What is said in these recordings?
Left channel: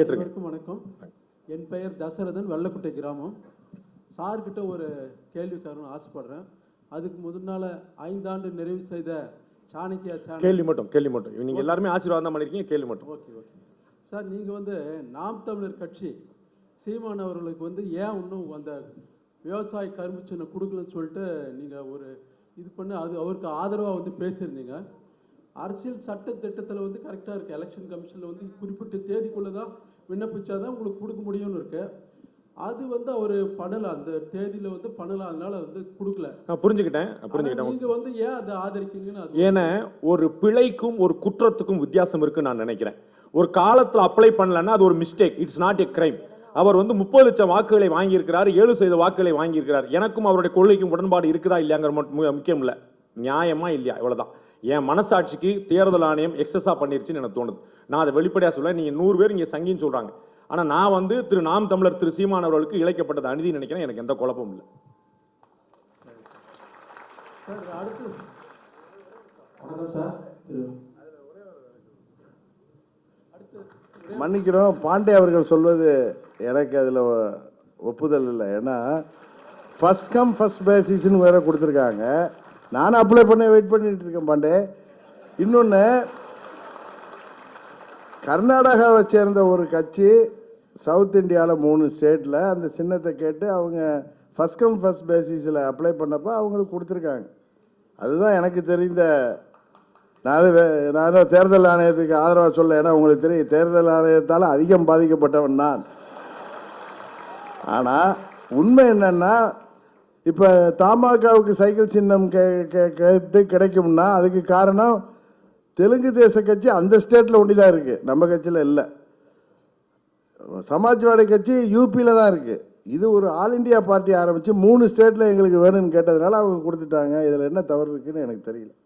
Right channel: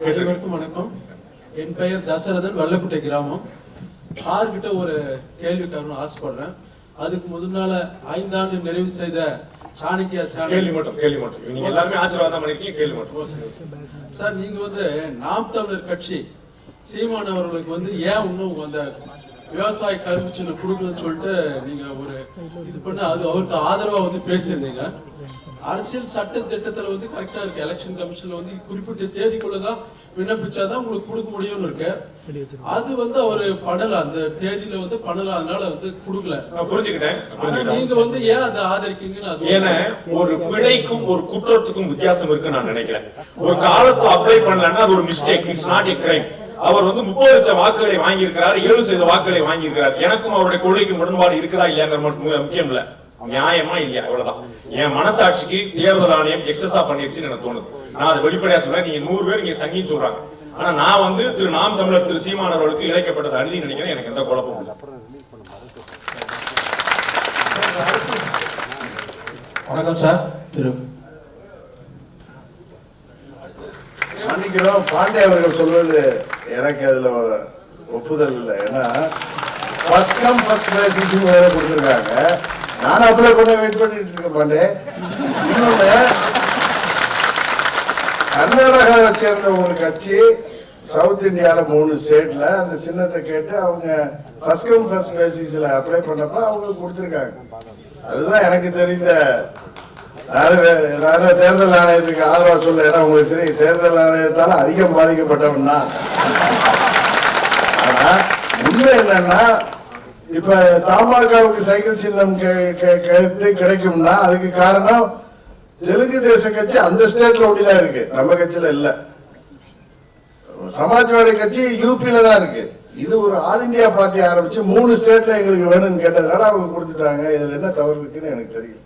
அனைவருக்கும் வணக்கம். என் பெயர் தசரதன், வெள்ளக்குட்டை கிராமம். சார்கிட்ட ஒரு கேள்வி கேட்கணும்னு ஆசைப்படுறேன். அதுக்கு முன்னால 5 ஆண்டு நிறைவு செய்த சாணக்கியா சார், நீங்க வந்து நாம் தமிழர் கட்சி சீமான் அவர்களுக்கு ஏன் இன்னும் அந்த விவசாய கருப்பு சின்ன கொடுக்கணும்னு சொல்லிட்டு நீங்க ஒரு இது பண்ண அது அவருக்கு ஆதரவா பேசியிருந்தீங்க. அரசியல் சட்ட திட்டத்தில் கரெக்டா இருக்கு. எலெக்ஷன் கமிஷன்ல குறிப்பிட்ட தேதிக்குள்ளதான் விண்ணப்பிச்சாதான் உங்களுக்கு கொடுக்க முடியும்னு இருக்கு. அது அவரு பண்ணல, அந்த தேதியில பண்ணல, அதனால கொடுக்கல. நீங்க ஏன் அதை ஆதரிக்கீங்கன்னு ஒரு பிழைக்கும் ஒரு குற்றத்துக்கும் வித்தியாசம் இருக்கு நான் நினைக்கிறேன். ஒரு காலத்தை அப்ளை பண்ணலன்னா ஒரு mistake, it's not a crime. அவர் 30 லட்சம் வாக்குகளை வாங்கியிருக்கிறார், 70 வாக்குகளை வாங்கியிருக்கிறார். எனக்கும் அவருடைய கொள்கைக்கு முரண்பாடு இருக்கா இல்லையா முக்கியம் இல்ல, நியாயமா இல்லையா, அவ்வளவுதான். என் மனசாட்சிக்கு தேர்தல் ஆணையம் எக்ஸஸா பண்ணிருச்சுன்னு எனக்கு தோணுது. நான் அதை வெளிப்படையா சொல்றேன். நீங்க 100 பேர் நீங்க சங்கி சொல்றாங்க, ஆனா நான் திரு நாம் தமிழர் திரு சீமான் அவர்களுக்கு இழைக்கப்பட்ட அநீதி நினைக்கிறேன். எனக்கு எந்த குழப்பம் இல்லை. வணக்கம் சார். திரு அவர்கள் சொல்றது எனக்கு அதுல ஒப்புதல் இல்லை. ஏன்னா கொடுத்துருக்காங்க. நான் அவங்களை கூட வெயிட் பண்ணிட்டு இருக்கேன். கர்நாடகாவை சேர்ந்த ஒரு கட்சி சவுத் இந்தியாவில் 3 ஸ்டேட்ல அந்த சின்னத்தை கேட்டு அவங்க ஃபர்ஸ்ட் கம் ஃபர்ஸ்ட் பேசிஸ்ல அப்ளை பண்ணப்ப அவங்களுக்கு கொடுத்துருக்காங்க. அதுதான் எனக்கு தெரிந்த தேர்தல் ஆணையத்துக்கு ஆதரவா சொல்றேன். உங்களுக்கு தெரியும், தேர்தல் ஆணையத்தால் அதிகம் பாதிக்கப்பட்டோம்னா. ஆனா உண்மை என்னன்னா, இப்ப தமாகவுக்கு சைக்கிள் சின்னம் கிடைக்கும்னா அதுக்கு காரணம் தெலுங்கு தேசம் கட்சி அந்த ஸ்டேட்ல ஒன்றியா இருக்கு, நம்ம கட்சியில இல்ல. சமாஜ்வாடி கட்சி யூபியில தான் இருக்கு. இது ஒரு ஆல் இந்தியா பார்ட்டி ஆரம்பிச்சு 3 ஸ்டேட்ல எங்களுக்கு வேணும்னு கேட்டதால அவங்க கொடுத்துட்டாங்க. இதுல என்ன தவறு இருக்குன்னு எனக்கு தெரியும்.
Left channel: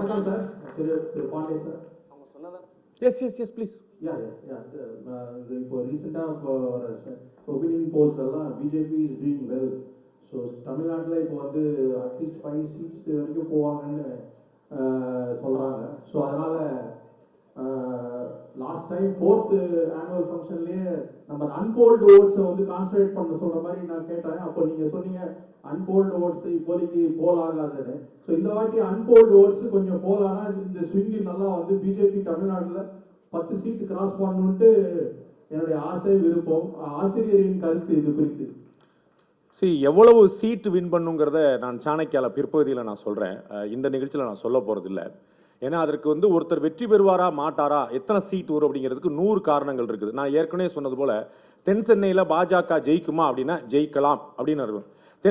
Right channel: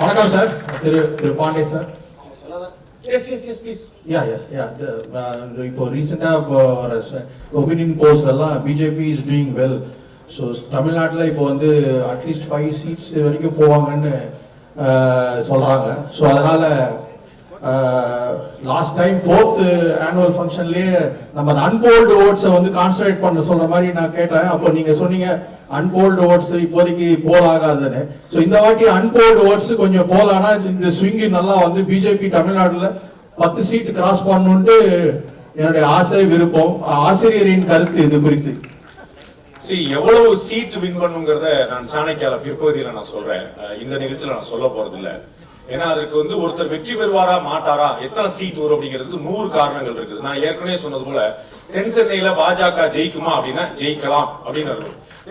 வணக்கம் சார். திரு பாண்டே சார். இப்போ ரீசெண்டா ஒபினியன் போல்ஸ் எல்லாம் BJP is doing well. So தமிழ்நாட்டில் இப்போ அட்லீஸ்ட் 5 சீட்ஸ் வரைக்கும் போவாங்கன்னு சொல்றாங்க. ஸோ அதனால லாஸ்ட் டைம் 4th ஆனுவல் ஃபங்க்ஷன்லயே நம்ம அன்போல்டு ஓட்ஸை கான்சன்ட்ரேட் பண்ண சொல்ற மாதிரி நான் கேட்டேன். அப்போ நீங்க சொன்னீங்க அன்போல்டு ஓட்ஸ் இப்போதைக்கு போல் ஆகாதுன்னு. ஸோ இந்த வாட்டி அன்போல்டு ஓட்ஸ் கொஞ்சம் போலானா இந்த ஸ்விங்கு நல்லா பிஜேபி தமிழ்நாட்டில் 10 சீட் கிராஸ் பண்ணணும்ட்டு என்னுடைய ஆசை, விருப்பம். ஆசிரியரின் கருத்து இது குறித்து எவ்வளவு சீட் வின் பண்ணுங்கிறத நான் சாணக்கியால பிற்பகுதியில நான் சொல்றேன். இந்த நிகழ்ச்சியில நான் சொல்ல போறது இல்லை. ஏன்னா அதுக்கு ஒருத்தர் வெற்றி பெறுவாரா மாட்டாரா, எத்தனை சீட் வரும் அப்படிங்கிறதுக்கு 100 காரணங்கள் இருக்குது. நான் ஏற்கனவே சொன்னது போல தென் சென்னையில பாஜக ஜெயிக்குமா அப்படின்னா ஜெயிக்கலாம் அப்படிங்கிறது.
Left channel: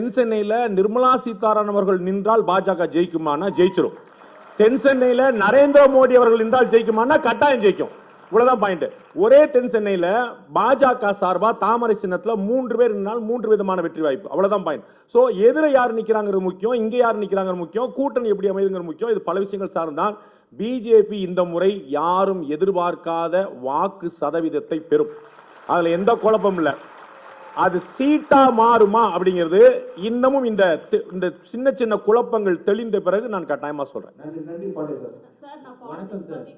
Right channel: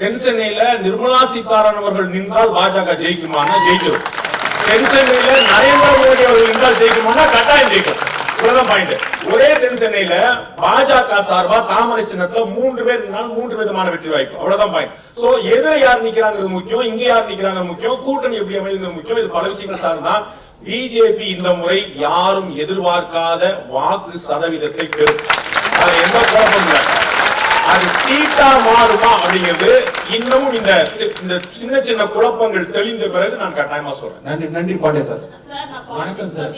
தென் சென்னையில நிர்மலா சீதாராமன் அவர்கள் நின்றால் பாஜக ஜெயிக்குமா, ஜெயிச்சிடும். தென் சென்னையில நரேந்திர மோடி அவர்கள் நின்றால் ஜெயிக்குமா, கட்டாயம் ஜெயிக்கும். ஒரே தென் சென்னையில பாஜக சார்பா தாமரை சின்னத்துல 3 பேர் 3 விதமான வெற்றி வாய்ப்பு. அவ்வளவுதான் பாயிண்ட். சோ எதிர யார் நிக்கிறாங்க முக்கியம், இங்க யார் நிக்கிறாங்க முக்கியம், கூட்டணி எப்படி அமைகிறது முக்கியம். இது பல விஷயங்கள் சார்ந்தா பிஜேபி இந்த முறை யாரும் எதிர்பார்க்காத வாக்கு சதவீதத்தை பெறும். அதுல எந்த குழப்பமும் இல்லை. அது சீட்டா மாறுமா அப்படிங்கிறது இன்னும் இந்த சின்ன சின்ன குழப்பங்கள் தெளிந்த பிறகு நான் கட்டாயமா சொல்றேன். நன்றி பாண்டே சார். வணக்கம் சார்.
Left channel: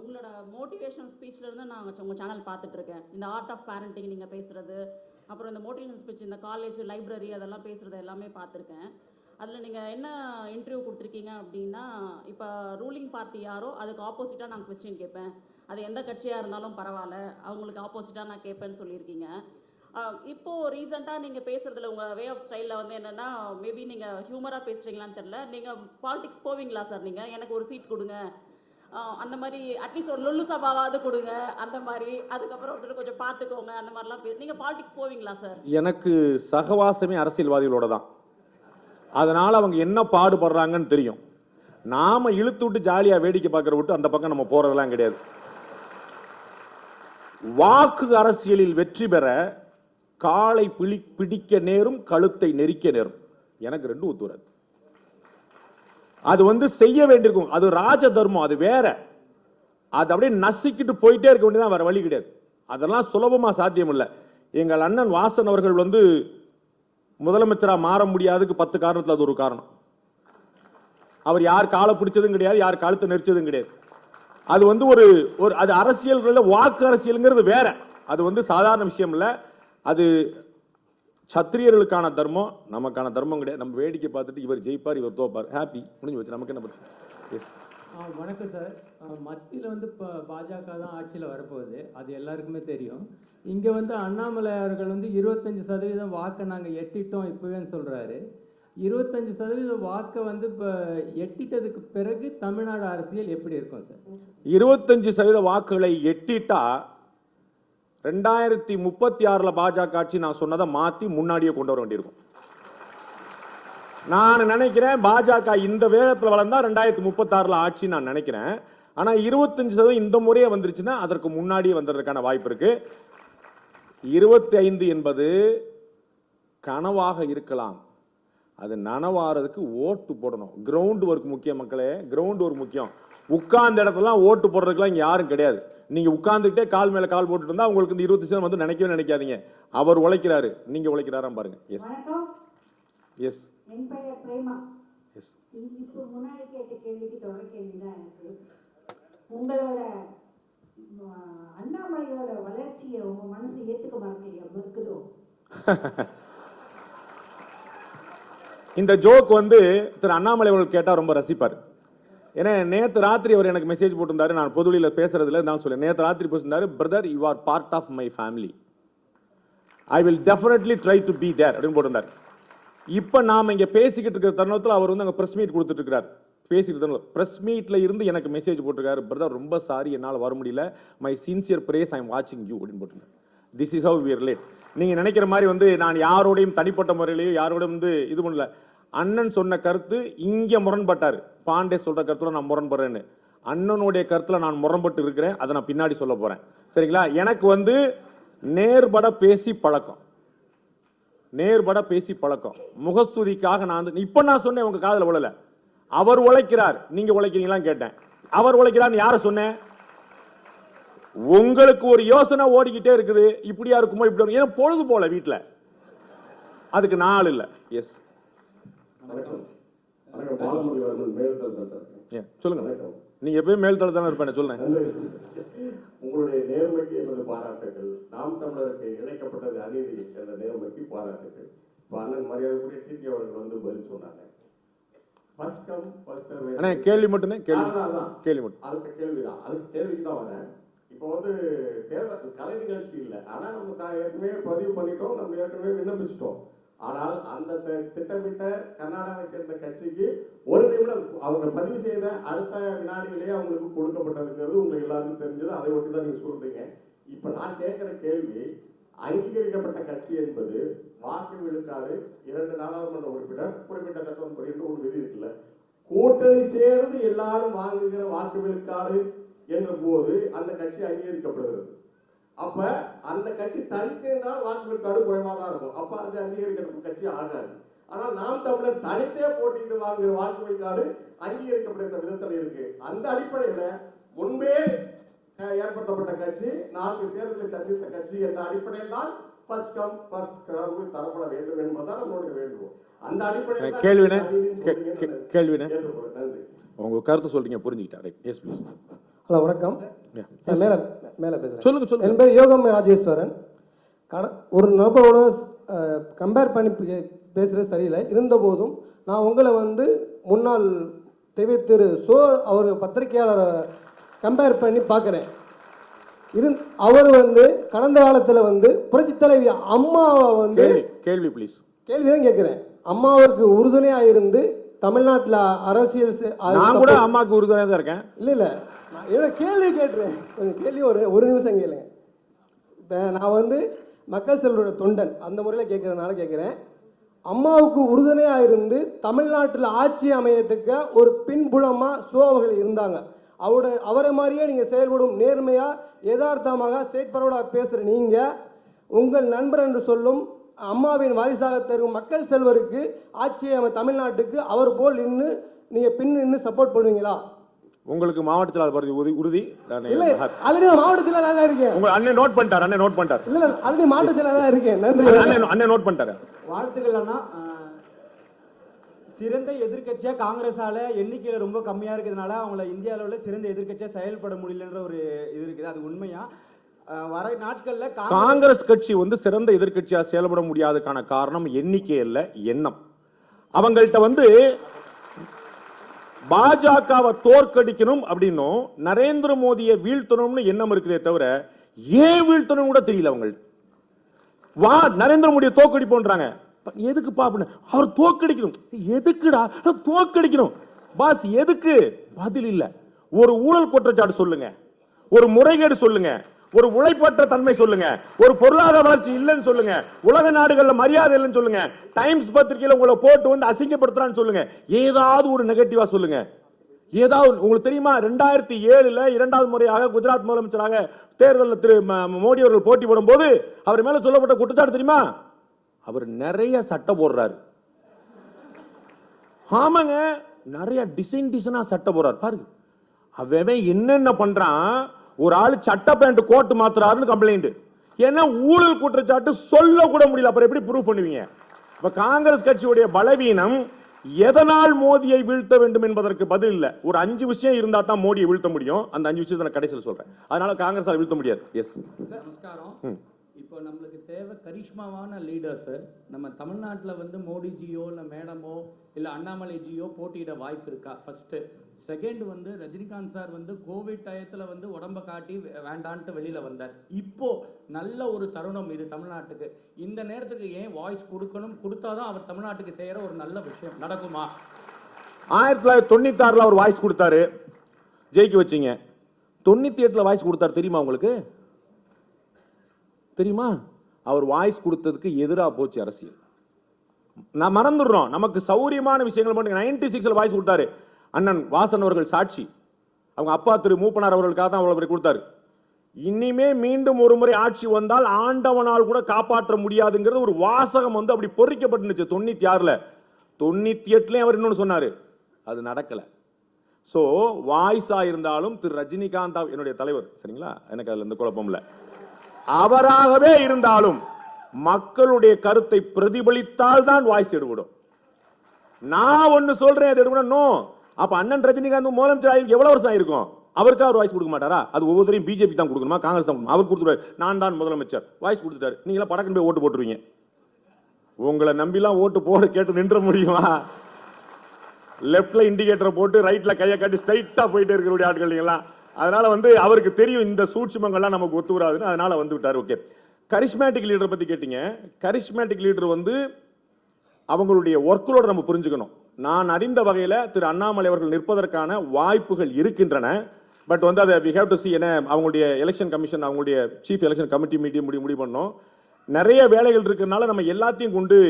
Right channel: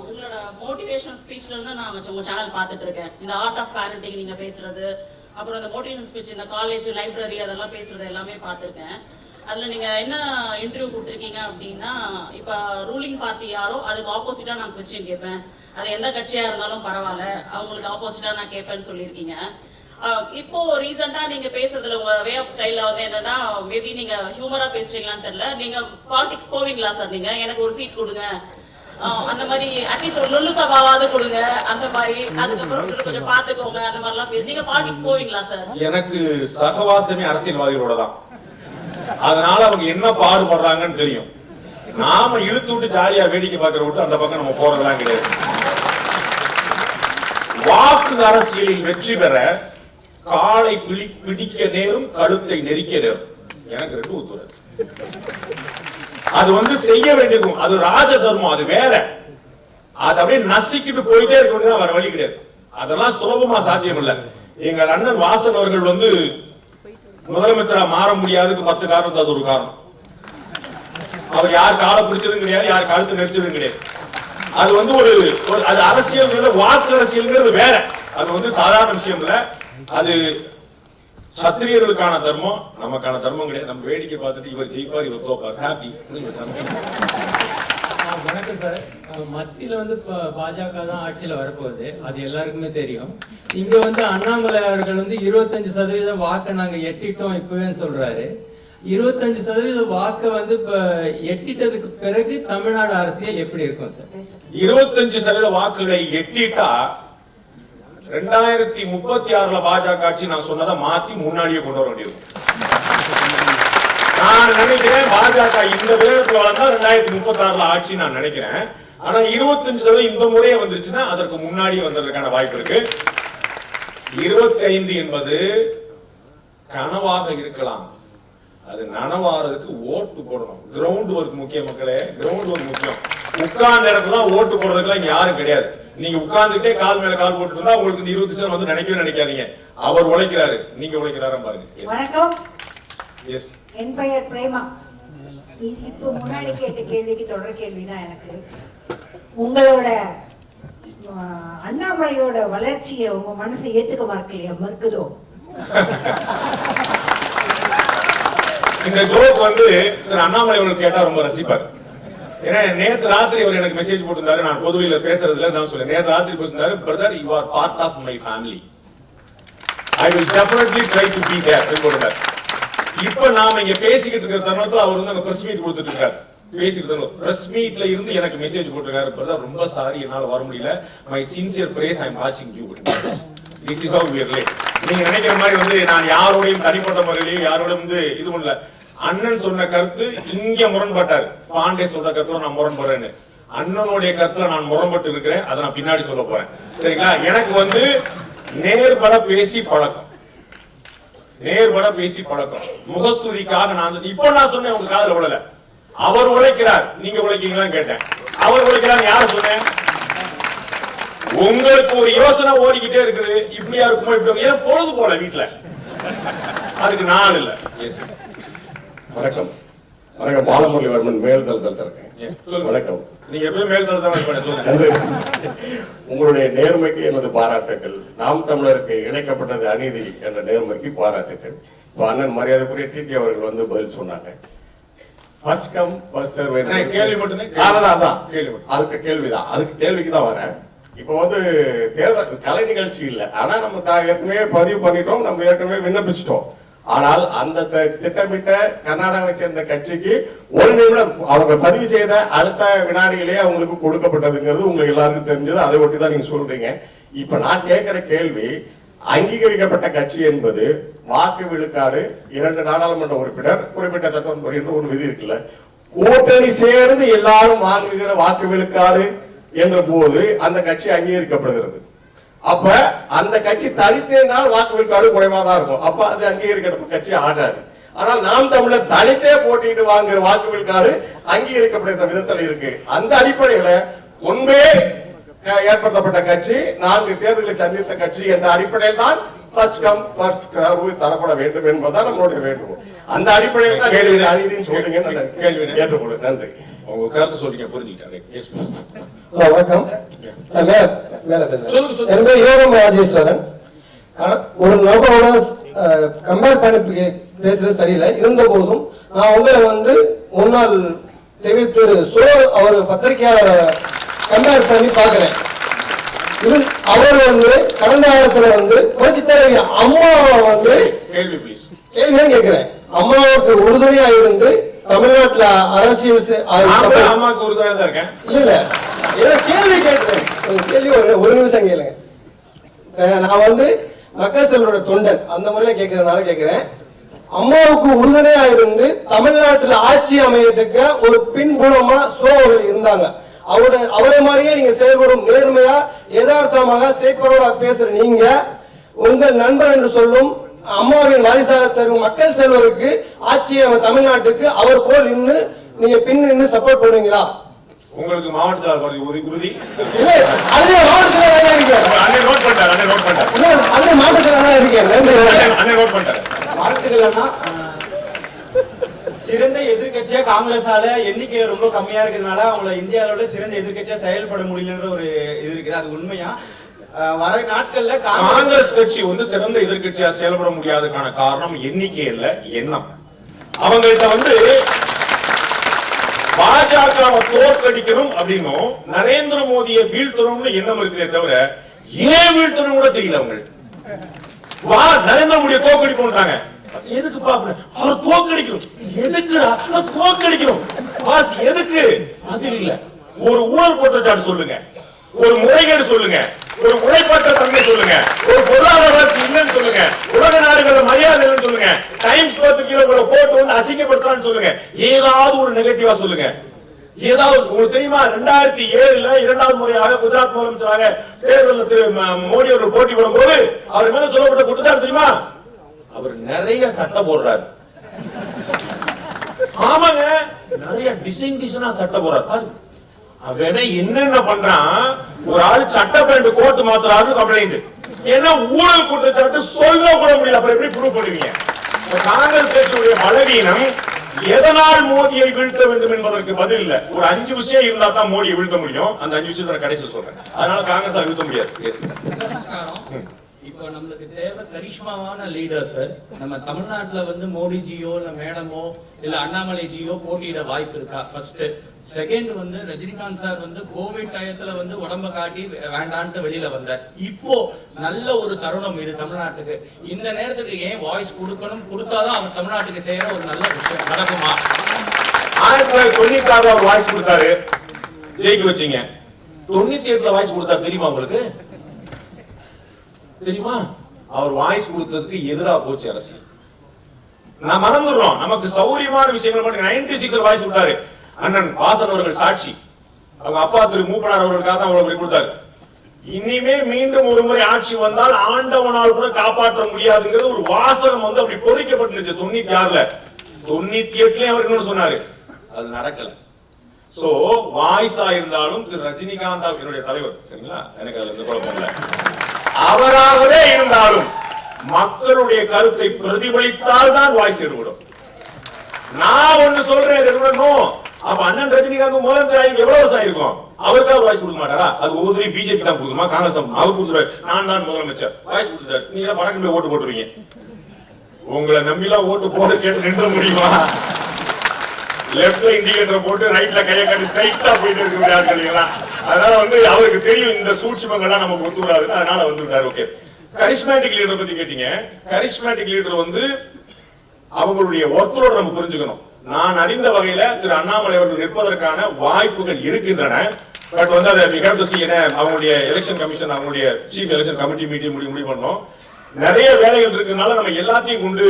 உங்களோட மோட்டிவேஷனல் ஸ்பீச்ல இருந்து நான் உங்க சேனல் பார்த்துட்டு இருக்கேன். இந்த ஆர்ட் ஆஃப் பேரண்டிங் நீங்க பேசுறது, அப்புறம் இந்த மோட்டிவேஷனல் ஸ்பீச் இந்த காலேஜ் லைப்ரரி அதெல்லாம் பேசுறது எல்லாமே பார்த்துருக்கேன். அதுல நீங்க என்ன இன்டர்வியூ கொடுத்துருக்கீங்க அப்படின்னா, இப்ப ரூலிங் பார்ட்டி யாரோ அதுக்கு ஆப்போசிட்டா நான் கொஸ்டின் கேட்பேன், அது எந்த கட்சியா இருந்தாலும் பரவாயில்ல, அவங்களுக்கு ஆப்போசிட்டா நான் கேட்பேன்னு சொல்லியிருக்கீங்க. இப்போ ரீசெண்டா நீங்க பேசுறதுல உங்க வே ஆஃப் ஸ்டைல்ல என்னன்னா, மேபி நீங்க ஹியூமரா பேசுறீங்களான்னு தெரியல, நீங்க பாலிடிக்ஸ் போவீங்களா சார், நீங்க எனக்கு ஒரு சீட் கொடுங்க அந்த மாதிரி அட்லீஸ்ட் ஒரு நுள்ளு சபாவாவது கொடுங்க அந்த மாதிரி, அதுக்கப்புறம் கொஞ்சம் பாத்துக்கோங்க அந்த மாதிரிலாம் நீங்க பாலிடிக்ஸ் போவீங்களா சார்? எனக்கு சகவாசமே அரசியல்வாதிகளோட தான். அதனால அவங்க என்ன பாடுபடுறாங்கன்னு தெரியும். நாம இழுத்து விட்டு ஜாலியா வேடிக்கை பார்க்கிற விட்டு அந்த பக்கம் நம்ம போறதெல்லாம் கிடையாது. வாக்கு அரசியலில் வெற்றி பெற காலை பிடிக்க நேரும், கழுத்தை நெரிக்க நேரும். எனக்கு அது செய்ய வேண்டிய அது ராஜ தர்மம், அது வேற. அது அப்படியே நசிக்கிட்டு போயிட்டே இருக்கணும், வர வழி கிடையாது. அதெல்லாம் சுலபமா சாத்தியம் இல்லை. எங்க அண்ணன் வாசல் அவர்கள் முதலமைச்சரா மாற முடியாதுக்கு 10 காரணம், அது ஒரு காரணம். அவர் யார் காலம் பிடிச்சது கிடையாது, யார் கழுத்து நெரிச்சது கிடையாது. அது வந்து ஒரு அரசியல், வாக்கு அரசியல் வேற. அது வந்து சாதாரண விஷயம் இல்ல. அது சத்திரியர்களுக்கான தர்மம், நமக்கான தர்மம் கிடையாது. நம்ம வேடிக்கை பார்த்துட்டு இவர் ஜெயிப்பார், இவர் தோப்பார். வணக்கம் சார். மத்தியில வந்து பாஜக தான் ஆட்சியில வரப்போகுது, அது எல்லாருக்குமே தெரியும். இங்க வந்து அண்ணாமலை அவர்கள் வந்து 25% வாக்கை நாங்க எட்டிட்டோம் இப்பவே சொல்றாரு. 25% வாக்கை வந்து இப்ப எட்டிட்டதுக்கு பிறகு தமிழ்நாடு அரசியல் எப்படி இருக்கும் சார்? 25% வாக்குகளை எட்டிட்டா 2036 பாஜக ஆட்சி நான் சொன்னதை மாத்தி முன்னாடியே கொண்டு வர வேண்டியது. நான் நினைக்கிறேன் பாஜக இந்த 2036 ஆட்சி நான் நினைக்கிறேன். ஆனா 25% இந்த முறையே வந்துருச்சுன்னா அதற்கு முன்னாடி வந்ததற்கான வாய்ப்பு இருக்கு. 25 என்பது கனவாக இருக்கலாம், அது நனவாகிறதுக்கு ஓட்டு போடணும். கிரவுண்ட் ஒர்க் முக்கியம் மக்களே, கிரவுண்ட் ஒர்க் முக்கியம். உட்கார்ந்த இடத்துல ஓட்டு போடுறதுல யாரும் கிடையாது. நீங்க உட்கார்ந்துட்டே கால் மேல கால் போட்டுட்டா உங்களுக்கு 20% வந்து நினைக்காதீங்க. அவர் உழைக்கிறாரு, நீங்க உழைக்கிறாரா பாருங்க. வணக்கம். எஸ், என் பெயர் பிரேமா. இப்போ முன்னாடி கேட்ட கேள்விக்கு தொடர் கேள்விதான் எனக்கு. உங்களோட அண்ணாமலையோட வளர்ச்சியை உங்க மனசு ஏத்துக்க மறுக்குதோ? இந்த ஜோக் வந்து அண்ணாமலை அவர்கள் கேட்டா ரொம்ப ரசிப்பார். நேற்று ராத்திரி அவர் எனக்கு மெசேஜ் போட்டுட்டாரு. நான் பொதுவெளியில பேசுறதுல தான் சொல்றேன். நேற்று ராத்திரி பேசிட்டாரு, brother you are part of my family, I will definitely try to be there சொல்றாரு. இப்ப நாம இங்க பேசிக்கிட்டு இருக்கிற தருணத்துல அவர் வந்து பிரஸ் மீட் கொடுத்துட்டு இருக்காரு. பேசிக்கிட்டு பிரஸ் மீட்ல இருந்து எனக்கு மெசேஜ் போட்டுருக்காரு, பிரதர் ரொம்ப சாரி என்னால வர முடியல, மை சின்சியர் பிரேஸ் ஐ அம் வாட்சிங் you. This is how you play. நீங்க நினைக்கிற மாதிரி வந்து நான் யாரோடையும் தனிப்பட்ட முறையில் யாரோடும் இது பண்ணல. அண்ணன் சொன்ன கருத்து இங்க முரண்பட்டார். பாண்டே சொன்ன கருத்துல நான் முரண்படுறேன்னு, அண்ணனுடைய கருத்துல நான் முரண்பட்டு இருக்கிறேன். அதை நான் பின்னாடி சொல்ல போறேன். சரிங்களா? எனக்கு வந்து நேர்பட பேசி பழக்கம், நேர்பட பேசி பழக்கம். முகஸ்துதிக்காக நான் இப்ப நான் சொன்னேன், உங்க காதுல விடல. அவர் உழைக்கிறார், நீங்க உழைக்கீங்களான்னு கேட்டேன். அவர் உழைக்கிறார், யார் சொன்னேன்? உங்களுக்கு ஒரு யோசனை ஓடிக்கிட்டே இருக்குது, இப்படியா இருக்கும் பொழுது போல வீட்டுல. அதுக்கு நான் இல்ல. வணக்கம். வணக்கம். பாலமுரளிவர்மன் மேல்தளத்தில் இருக்கேன். வணக்கம். நீங்க எப்பவும் மேல்தளத்தில். உங்களுடைய நேர்மைக்கு எனது பாராட்டுகள். நாம் தமிழருக்கு இணைக்கப்பட்டது அநீதி என்ற நேர்மைக்கு பாராட்டுகள். இப்போ அண்ணன் மரியாதைக்குரிய டிடி அவர்கள் வந்து பதில் சொன்னாங்க. First come first serve. அதுக்கு கேள்விதான், அதுக்கு கேள்விக்கு தான் வரேன். இப்போ வந்து தேர்தல் கலை நிகழ்ச்சி இல்லை, ஆனா நம்ம ஏற்கனவே பதிவு பண்ணிட்டோம், நம்ம ஏற்கனவே விண்ணப்பிச்சிட்டோம். ஆனால் அந்த திட்டமிட்ட கர்நாடகாவை சேர்ந்த கட்சிக்கு ஒரு நிமிடம் அவர்கள் பதிவு செய்த அடுத்த வினாடியிலேயே அவங்களுக்கு கொடுக்கப்பட்டதுங்கிறது உங்களுக்கு எல்லாருக்கும் தெரிஞ்சது. அதை ஒட்டி தான் நீங்க சொல்றீங்க. இப்ப நான் கேட்கிற கேள்வி, அங்கீகரிக்கப்பட்ட கட்சி என்பது வாக்கு விழுக்காடு 2 நாடாளுமன்ற உறுப்பினர் குறிப்பிட்ட சட்டம் என்று ஒரு விதி இருக்குல்ல, கூட்டணி சேர்ந்து எல்லாரும் வாங்குகிற வாக்கு விழுக்காடு என்ற போது அந்த கட்சி அங்கீகரிக்கப்படுகிறது. அப்ப அந்த கட்சி தனித்தேனால் வாக்கு விழுக்காடு குறைவா தான் இருக்கும். அப்ப அது அங்கீகரிக்கப்பட்ட கட்சி ஆகாது. ஆனால் நாம் தமிழர் தனித்தே போட்டிட்டு வாங்குற வாக்கு விழுக்காடு அங்கீகரிக்கப்பட்ட விதத்தில் இருக்கு. அந்த அடிப்படையில முன்பே ஏற்படுத்தப்பட்ட கட்சி 4 தேர்தல்களை சந்தித்த கட்சி என்ற அடிப்படையில் தான் ஃபர்ஸ்ட் கம் ஃபர்ஸ்ட் சர்வ் தரப்பட வேண்டும் என்பதுதான் நம்மளுடைய வேண்டுகோள். அந்த அடிப்படையில் தான் அநீதின்னு சொல்றீங்க. ஏற்றுக்கொள்ளுங்க. நன்றி. வணக்கம். ராஜேஸ்வரன். ஒரு நபரோட கம்பேர் பண்ணி பேசுறது சரியில்லை. இருந்த போதும் நான் உங்களை வந்து முன்னாள் திரு அவர் பத்திரிகையாளரை கம்பேர் பண்ணி பார்க்கிறேன். அவர் வந்து கடந்த காலத்துல வந்து புரட்சி தலைவி அம்மாவை வந்து கேள்வி கேட்கிறேன். அம்மாவுக்கு உறுதுணையா இருந்து தமிழ்நாட்டுல அரசியல் இல்ல கேள்வி கேட்கிறேன். கேள்வி ஒரு நிமிஷம் கேளுங்க. நான் வந்து மக்கள் செல்வரோட தொண்டன் அந்த முறையில கேட்கறதுனால கேட்கிறேன். அம்மாவுக்கு உறுதுணையா இருந்து தமிழ்நாட்டுல ஆட்சி அமையத்துக்கு ஒரு பின்புலமா சோழர்கள் இருந்தாங்க. அவரை மாதிரியே நீங்க செயல்படும் நேர்மையா யதார்த்தமாக ஸ்ட்ரெயிட் ஃபார்வர்டா பேசுற நீங்க உங்கள் நண்பர் என்று சொல்லும் அம்மாவின் வாரிசாக தரும் மக்கள் செல்வருக்கு ஆட்சி தமிழ்நாட்டுக்கு அவர் போல் நின்று நீங்க பின் நின்று சப்போர்ட் பண்ணுவீங்களா? உங்களுக்கு மாவட்ட செயலாளர் உறுதி இல்ல அது மாவட்ட செயலாளர் இருக்கீங்க. அது மாவட்ட செயலாளர் இருக்கீங்க. சிறந்த எதிர்க்கட்சியா காங்கிரஸால எண்ணிக்கை ரொம்ப கம்மியா இருக்கிறதுனால அவங்கள இந்திய அளவுல சிறந்த எதிர்க்கட்சியா செயல்பட முடியலன்ற ஒரு இது இருக்குது. அது உண்மையா? வர நாட்கள்ல காங்கிரஸ் கட்சி வந்து சிறந்த எதிர்க்கட்சியா செயல்பட முடியாததுக்கான காரணம் எண்ணிக்கையில எண்ணம். அவங்க வந்து பாஜக தோற்கடிக்கணும் அப்படின்னும் நரேந்திர மோடியை வீழ்த்தணும்னு எண்ணம் இருக்கிறதே தவிர ஏன் வீழ்த்தணும்னு தெரியல. அவங்க நரேந்திர மோடியை தோற்கடிக்கணும்ன்றாங்க. எதுக்கு அவரை தோற்கடிக்கணும்? எதுக்குடா தோற்கடிக்கணும்? பாஸ் எதுக்கு? அது இல்ல. ஒரு ஊழல் குற்றச்சாட்டு சொல்லுங்க, ஒரு முறைகேடு சொல்லுங்க, ஒரு முறைப்பட்ட தன்மை சொல்லுங்க, ஒரு பொருளாதார வளர்ச்சி இல்லைன்னு சொல்லுங்க, உலக நாடுகளோட மரியாதை சொல்லுங்க, டைம்ஸ் பத்திரிகைகளோட போட்டோ வந்து அசிங்கப்படுத்தான்னு சொல்லுங்க, ஏதாவது ஒரு நெகட்டிவா சொல்லுங்க. ஏதாவது உங்களுக்கு தெரியுமா 2007 இரண்டாவது முறையாக குஜராத் முதலமைச்சராக தேர்தலில் திரு மோடி ஒரு போட்டி போடும்போது அவர் என்ன சொல்லப்பட்ட குற்றச்சாட்டு தெரியுமா? அவர் நிறைய சட்டம் போடுறாரு. ஆமாங்க, நிறைய டிசைனா சட்டம் போடுறாரு. அவன் என்னென்ன பண்றான்? ஒரு ஆளு சட்டமன்ற கோர்ட் மாத்தாரு கம்ப்ளைண்ட். ஏன்னா ஊழல் குற்றச்சாட்டு சொல்ல முடியல. அப்புறம் எப்படி ப்ரூவ் பண்ணுவீங்க? காங்கிரஸ் கட்சியுடைய பலவீனம் எதனால் மோடியை வீழ்த்த வேண்டும் என்பதற்கு பதில் இல்ல. ஒரு 5 விஷயம் இருந்தா தான் மோடியை வீழ்த்த முடியும். அந்த 5 விஷயத்தை கடைசியில் சொல்றேன். அதனால காங்கிரஸ் வீழ்த்த முடியாது. இப்போ நம்மளுக்கு தேவை கரிஷ்மாவான லீடர்ஸ். நம்ம தமிழ்நாட்டுல வந்து மோடிஜியோ இல்ல மேடமோ இல்ல அண்ணாமலைஜியோ போட்டியிட வாய்ப்பு இருக்கா? ஃபர்ஸ்ட். செகண்ட் வந்து ரஜினிகாந்த் சார் வந்து கோவிட் டயத்துல வந்து உடம்ப காட்டி வேண்டான்ட்டு வெளியில வந்தார். இப்போ நல்ல ஒரு தருணம் இது தமிழ்நாட்டுக்கு. இந்த நேரத்துக்கு ஏன் வாய்ஸ் கொடுக்கணும்? கொடுத்தாதான் அவர் தமிழ்நாட்டுக்கு செய்யற ஒரு நல்ல விஷயம் நடக்குமா? 1996 வாய்ஸ் கொடுத்தாரு, ஜெயிக்க வச்சீங்க. 97 வாய்ஸ் கொடுத்தாரு தெரியுமா உங்களுக்கு? தெரியுமா? அவர் வாய்ஸ் கொடுத்ததுக்கு எதிராக போச்சு அரசியல். நான் மறந்துடுறோம். நமக்கு சௌரியமான விஷயம் 96 வாய்ஸ் கொடுத்தாரு. அண்ணன் வாசன் அவர்கள் சாட்சி. அவங்க அப்பா திரு மூப்பனார் அவர்களுக்காக அவர்கள் கொடுத்தாரு. இனிமே மீண்டும் ஒரு முறை ஆட்சி வந்தால் ஆண்டவனால் கூட காப்பாற்ற முடியாதுங்கிற ஒரு வாசகம் வந்து அப்படி பொறிக்கப்பட்டுச்சு 97. 98 அவர்கள் சொன்னாரு. அது நடக்கல. சோ வாய்ஸ் ஆயிருந்தாலும் திரு ரஜினிகாந்த் அவர்களுடைய தலைவர் எனக்கு அதுல தொடர்பு இல்லை. அவராகவே இருந்தாலும் மக்களுடைய கருத்தை பிரதிபலித்தால் தான் வாய்ஸ் எடுக்கணும். நான் ஒன்று சொல்றேன் இருக்கணும். அப்ப அண்ணன் ரஜினிகாந்த் முதலமைச்சர் எவ்வளவு ஆயிருக்கும்? அவருக்கு தான் வாய்ஸ் கொடுக்க மாட்டாரா? அது ஒவ்வொரு பிஜேபி தான் கொடுக்குமா? காங்கிரஸ் அவர் கொடுத்தாரு. நான் தான் முதலமைச்சர் வாய்ஸ் கொடுத்தாரு. நீங்க பணக்கு ஓட்டு போட்டுருவீங்க. உங்களை நம்பிலாம் ஓட்டு போட்டு கேட்டு நிறுத்த முடியுமா? லெஃப்ட்ல இண்டிகேட்டர் போட்டு ரைட்ல கையை கட்டி ஸ்ட்ரைட்டா போயிட்டு இருக்காங்க. அதனால வந்து அவருக்கு தெரியும் இந்த சூட்சுமங்கள்லாம் நம்ம கொடுத்துறாரு. அதனால வந்துட்டாரு. ஓகே, கரிஸ்மேட்டிக் லீடர் பத்தி கேட்டீங்க. கரிஸ்மேட்டிக் லீடர் வந்து அவங்களுடைய ஒர்க்கோட நம்ம புரிஞ்சுக்கணும். நான் அறிந்த வகையில திரு அண்ணாமலை அவர்கள் நிற்பதற்கான வாய்ப்புகள் இருக்கின்றன. பட் வந்து அதை விகாரத்து செய்ய அவங்களுடைய எலெக்ஷன் கமிஷன் அவங்களுடைய சீஃப் எலெக்ஷன் கமிட்டி மீட்டிங் முடிவு பண்ணணும். நிறைய வேலைகள் இருக்கனால நம்ம எல்லாத்தையும் கொண்டு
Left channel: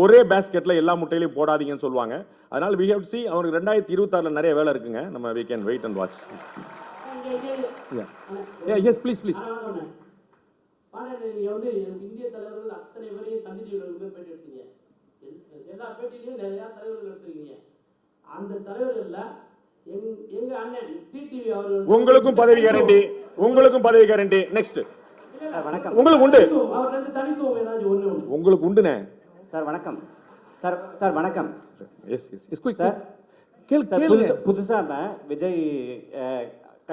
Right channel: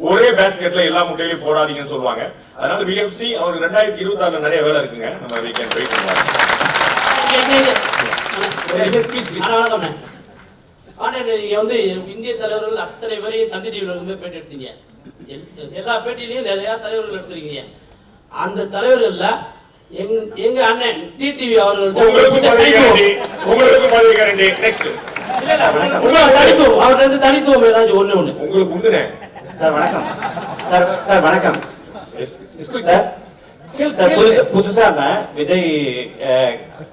ஒரே பேஸ்கெட்ல எல்லா முட்டையிலையும் போடாதீங்கன்னு சொல்லுவாங்க. அதனால விஎஃப்சி ஒரு 2026 நிறைய வேலை இருக்குங்க. நீங்க வந்து இந்திய தலைவர்கள் அத்தனை பேரையும் சந்தி டிவில பேட்டி எடுத்தீங்க. எல்லா பேட்டியிலையும் நிறைய தலைவர்கள் எடுத்திருக்கீங்க. அந்த தலைவர்கள்ல எங்க அண்ணன் டிடிவி அவர்கள் அவர் வந்து தனித்துவம் ஏதாச்சும் ஒண்ணு சார் வணக்கம். சார் வணக்கம். புதுசா விஜய்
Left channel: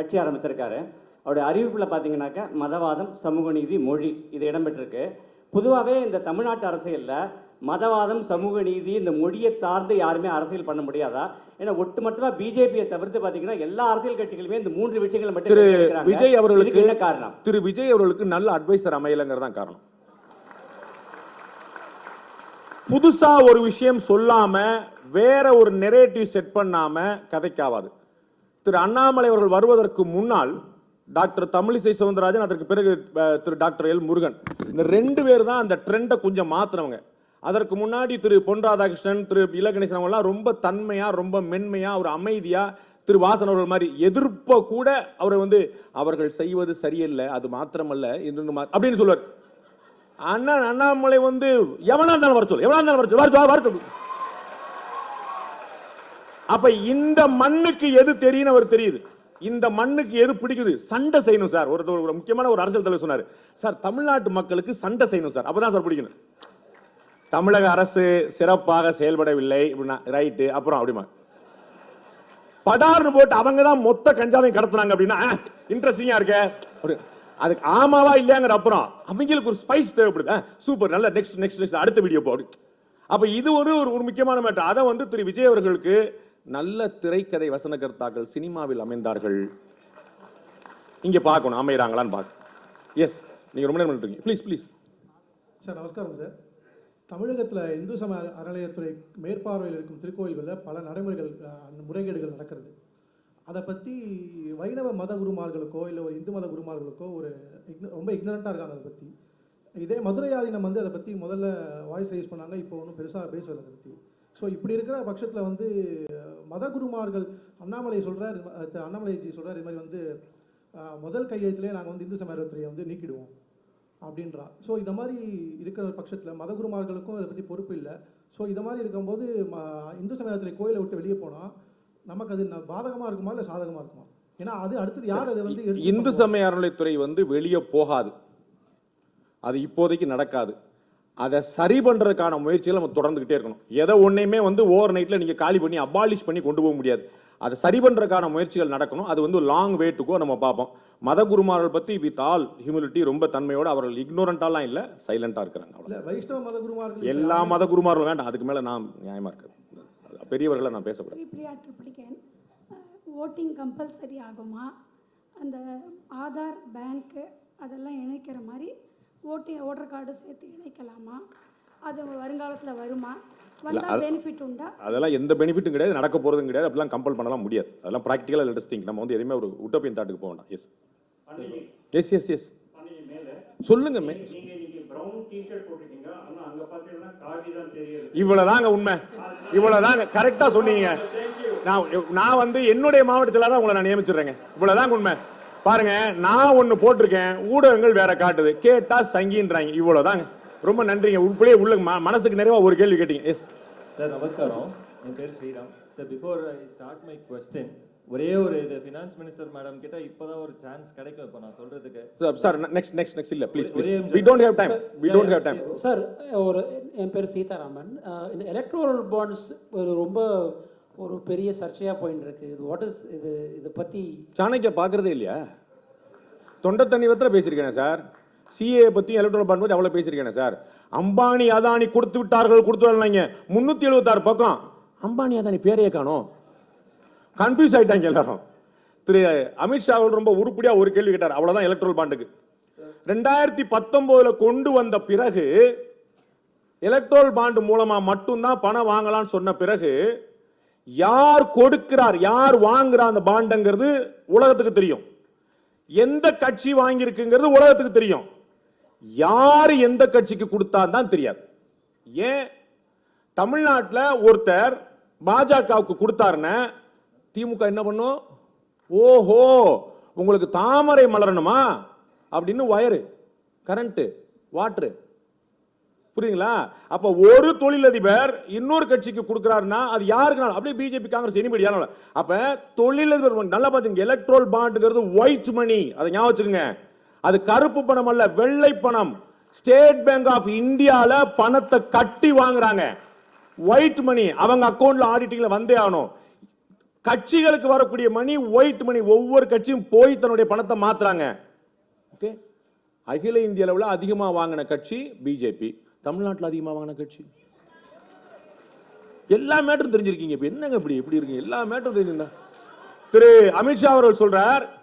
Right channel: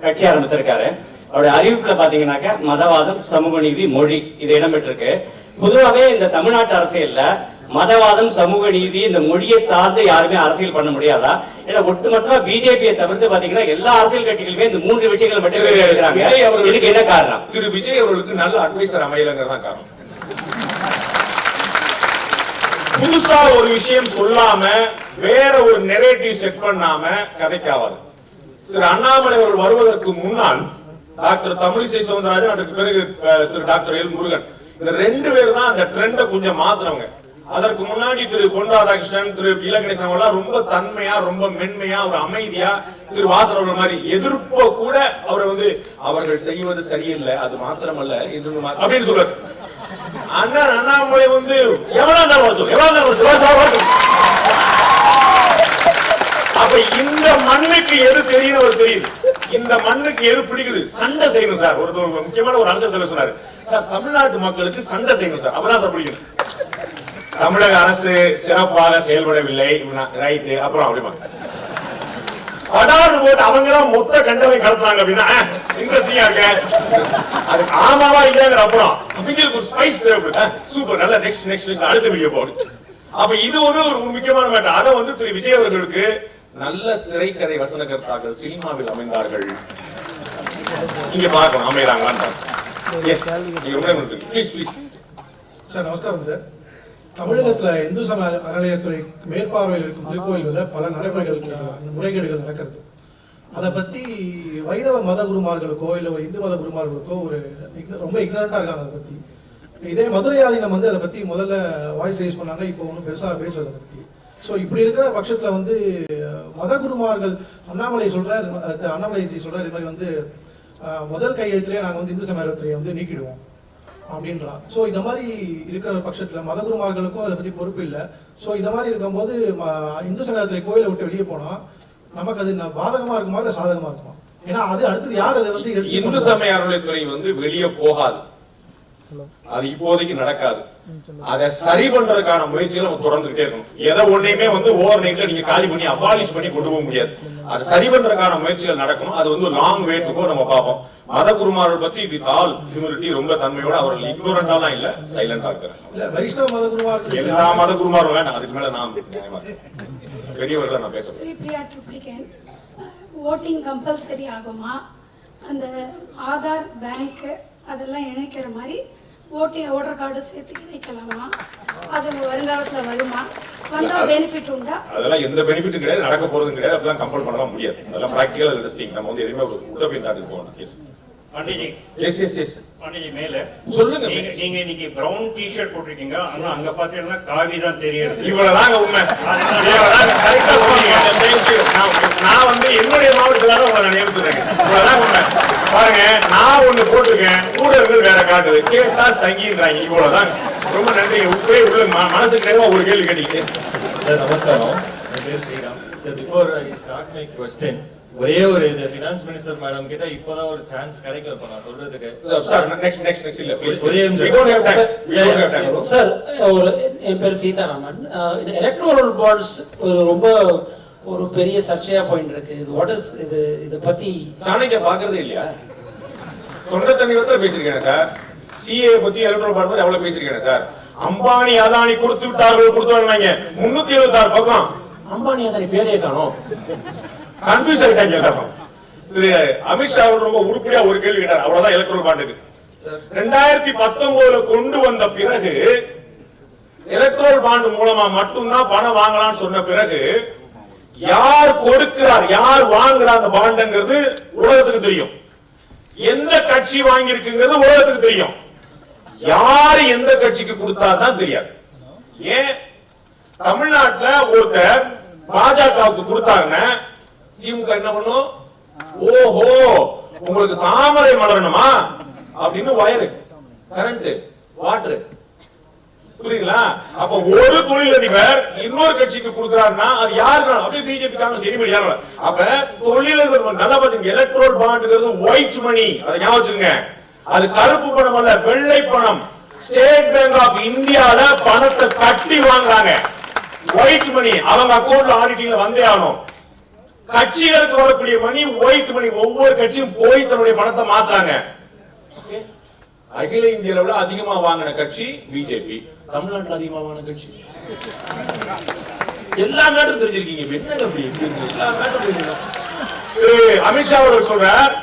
கட்சி ஆரம்பிச்சிருக்காரு. அவருடைய அறிவிப்புல பாத்தீங்கன்னாக்க மதவாதம், சமூக நீதி, மொழி இது இடம்பெற்றிருக்கு. பொதுவாகவே இந்த தமிழ்நாட்டு அரசியல்ல மதவாதம், சமூக நீதி, இந்த மொழியை தாழ்ந்து யாருமே அரசியல் பண்ண முடியாதா? ஏன்னா ஒட்டுமொத்தமா பிஜேபியை தவிர்த்து பாத்தீங்கன்னா எல்லா அரசியல் கட்சிகளுமே இந்த 3 விஷயங்கள் மட்டுமே எடுக்கிறாங்க. இதுக்கு என்ன காரணம்? திரு விஜய் அவர்களுக்கு நல்ல அட்வைசர் அமையலங்கிறதான் காரணம். புதுசா ஒரு விஷயம் சொல்லாம வேற ஒரு நெரேட்டிவ் செட் பண்ணாம கதைக்காவாது. திரு அண்ணாமலை அவர்கள் வருவதற்கு முன்னால் டாக்டர் தமிழிசை சவுந்தரராஜன், அதுக்கு பிறகு திரு டாக்டர் எல் முருகன், இந்த 2 பேர் தான் அந்த ட்ரெண்ட கொஞ்சம் மாத்துறவங்க. அதற்கு முன்னாடி திரு பொன் ராதாகிருஷ்ணன், திரு பி. கணேசன் எல்லாம் ரொம்ப தன்மையா, ரொம்ப மென்மையா, ஒரு அமைதியா, திரு வாசன் அவர்கள் மாதிரி எதிர்ப்போ கூட அவர் வந்து அவர்கள் செய்வது சரியில்லை, அது மாத்திரமல்ல அப்படின்னு சொல்றாரு. அண்ணாமலை வந்து இந்த மண்ணுக்கு எது தெரியும் தெரியுது. இந்த மண்ணுக்கு எது பிடிக்குது? சண்டை செய்யணும் சார். ஒரு முக்கியமான ஒரு அரசியல் சொன்னாரு சார், தமிழ்நாட்டு மக்களுக்கு சண்டை செய்யணும் சார், அப்பதான் சார் பிடிக்கும். தமிழக அரசு சிறப்பாக செயல்படவில்லை. ரைட், அப்புறம் அப்படிமா அவங்க மொத்த கண்டதை கடந்தாங்க அப்படின்னா இன்ட்ரெஸ்டிங்கா இருக்கு. ஆமாவா இல்லைங்கிற அப்புறம் இதுக்கு ஸ்பைஸ் சூப்பர், நல்ல நெக்ஸ்ட் அடுத்த வீடியோ போடு. அப்ப இது ஒரு முக்கியமான மேட்டர். அதை வந்து திரு விஜய் அவர்களுக்கு நல்ல திரைக்கதை வசனகர்த்தார்கள் சினிமாவில் அமைந்தார்கள். இங்க பார்க்கணும் அமைகிறாங்களா? எஸ் ப்ளீஸ் ப்ளீஸ் சார் நமஸ்காரம் சார். தமிழகத்துல இந்து சமய அறநிலையத்துறை மேற்பார்வையில் இருக்கும் திருக்கோயில்களில் பல முறைகேடுகள் நடக்கிறது. அதை பத்தி வைணவ மத குருமார்களுக்கோ இல்லை ஒரு இந்து மத குருமார்களுக்கோ ரொம்ப இக்னரண்டா இருக்காங்க அதை பத்தி. இதே மதுரையாதீனம் வந்து அதை பத்தி முதல்ல வாய்ஸ் ரைஸ் பண்ணாங்க, இப்போ ஒன்றும் பெருசா பேசுறதை பத்தி. ஸோ இப்படி இருக்கிற பட்சத்துல வந்து மத குருமார்கள் அண்ணாமலைஜி சொல்றாரு இது மாதிரி வந்து முதல் கையெழுத்திலே நாங்கள் வந்து இந்து சமய அறநிலையத்துறையை வந்து நீக்கிடுவோம் அப்படின்றான். ஸோ இந்த மாதிரி இருக்கிற பட்சத்தில் மதகுருமார்களுக்கும் அதை பற்றி பொறுப்பு இல்லை. ஸோ இந்த மாதிரி இருக்கும்போது இந்து சமயத்துறை கோயிலை விட்டு வெளியே போனால் நமக்கு அது பாதகமாக இருக்குமா இல்லை சாதகமாக இருக்குமா? ஏன்னா அது அடுத்தது யார் அதை வந்து இந்து சமய அறநிலையத்துறை வந்து வெளியே போகாது, அது இப்போதைக்கு நடக்காது. அதை சரி பண்றதுக்கான முயற்சிகள் தொடர்ந்துகிட்டே இருக்கும். ஏதோ ஒண்ணுமே வந்து ஓவர் நைட்ல நீங்க காலி பண்ணி அபாலிஷ் பண்ணி கொண்டு போக முடியாது. அதை சரி பண்றதுக்கான முயற்சிகள் நடக்கும். அது வந்து லாங் வேட்டுக்கும் நம்ம பார்ப்போம். மத குருமார்கள் பத்தி விதால் ஹியூமிலிட்டி ரொம்ப தன்மையோட அவர்கள் இக்னோரண்டாலாம் இல்ல, சைலண்டா இருக்காங்க. வைஷ்ணவ மத குருமார்கள் எல்லா மத குருமார்கள் வேண்டாம், அதுக்கு மேல நான் பெரியவர்கள் நான் பேசுறேன். ஓட்டிங் கம்பல்சரி ஆகுமா? அந்த ஆதார் பேங்க் அதெல்லாம் இணைக்கிற மாதிரி ஓட்டர் கார்டு சேர்த்து இணைக்கலாமா? அது வருங்காலத்தில் வருமா? வந்தா பெனிஃபிட் உண்டா? அதெல்லாம் எந்த பெனிஃபிட் கிடையாது, நடக்க போறது கிடையாது. அதெல்லாம் கம்பல் பண்ண முடியாது. அதெல்லாம் பிராக்டிகல் ரிசல்ட் நம்ம உத்தரவு தாண்டி போகணும். பண்டிஜி பண்டிஜி மேல சொல்லுங்க. நீங்க இன்னைக்கு பிரவுன் டி-ஷர்ட் போட்டிருக்கீங்க, ஆனா அங்க பாத்தீங்கன்னா காவி தான் தெரியுது. இவங்களாங்க உண்மை. நான் வந்து என்னுடைய மாவட்டத்துல உங்களை நினைவு சொல்றேன். பாருங்க, நான் ஒண்ணு போட்டிருக்கேன், ஊடகங்கள் வேற காட்டுது, கேட்டா சங்கிடுறாங்க. இவ்வளவுதான். ரொம்ப நன்றி. மனசுக்கு ஒரு கேள்வி கேட்டீங்க. நமஸ்காரம். Before I start my question, ஒரே ஒரு இது ஃபினான்ஸ் மினிஸ்டர் மேடம் கிட்ட இப்போதான் ஒரு சான்ஸ் கிடைக்கும் இப்ப நான் சொல்றதுக்கு. சார், ஒரு என் பேர் சீதாராமன். இந்த எலக்ட்ரோரல் பாண்ட்ஸ் ரொம்ப ஒரு பெரிய சர்ச்சையா போயிட்டு இருக்கு. வாட் இஸ் இது? இத பத்தி சாணக்கிய பாக்குறதே இல்லையா? தொடர்ந்து பேசிருக்கேன் சார். சிஏ பத்தி எலக்ட்ரோரல் பாண்ட்ஸ் எவ்வளவு பேசிருக்கேன் சார். அம்பானி அதானி கொடுத்து விட்டார்கள், கொடுத்தாங்க 376 பக்கம். அம்பானி அதானி பேரே காணோம். கன்ஃபியூஷன் ஆகிட்டாங்க. திரு அமித்ஷா ரொம்ப உருப்படியா ஒரு கேள்வி கேட்டார். அவ்வளவுதான் எலக்ட்ரோரல் பாண்டுக்கு. 2019 கொண்டு வந்த பிறகு எலக்ட்ரோரல் பாண்ட் மூலமா மட்டும்தான் பணம் வாங்கலாம்னு சொன்ன பிறகு யார் கொடுக்கிறார் யார் வாங்குறார் பாண்டுங்கிறது உலகத்துக்கு தெரியும். எந்த கட்சி வாங்கி இருக்குங்கிறது உலகத்துக்கு தெரியும். யார் எந்த கட்சிக்கு கொடுத்தாதான் தெரியாது. ஏன் தமிழ்நாட்டுல ஒருத்தர் பாஜகவுக்கு கொடுத்தாங்க, திமுக என்ன பண்ணும்? ஓஹோ, உங்களுக்கு தாமரை மலரணுமா அப்படின்னு வயரு, கரண்ட், வாட்டர், புரியுதுங்களா? அப்ப ஒரு தொழிலதிபர் இன்னொரு கட்சிக்கு கொடுக்குறாருன்னா அது யாரு? பிஜேபி. அப்ப தொழிலதிபர் நல்லா பாத்தீங்க. எலக்ட்ரோரல் பாண்ட்ங்கிறது ஒயிட் மணி, அதை ஞாபகம் வச்சுக்கங்க. அது கருப்பு பணம் அல்ல, வெள்ளை பணம். ஸ்டேட் பேங்க் ஆஃப் இந்தியால பணத்தை கட்டி வாங்குறாங்க. ஒயிட் மணி அவங்க அக்கௌண்ட்ல ஆடிட்டிங்ல வந்தே ஆகணும். கட்சிகளுக்கு வரக்கூடிய மணி ஒயிட் மணி. ஒவ்வொரு கட்சியும் போய் தன்னுடைய பணத்தை மாத்துறாங்க. அகில இந்தியாவில அதிகமா வாங்கின கட்சி பிஜேபி, தமிழ்நாட்டில் அதிகமா வாங்கின கட்சி எல்லா நாட்டுக்கும் தெரிஞ்சிருக்கீங்க. திரு அமித்ஷா அவர்கள் சொல்றார்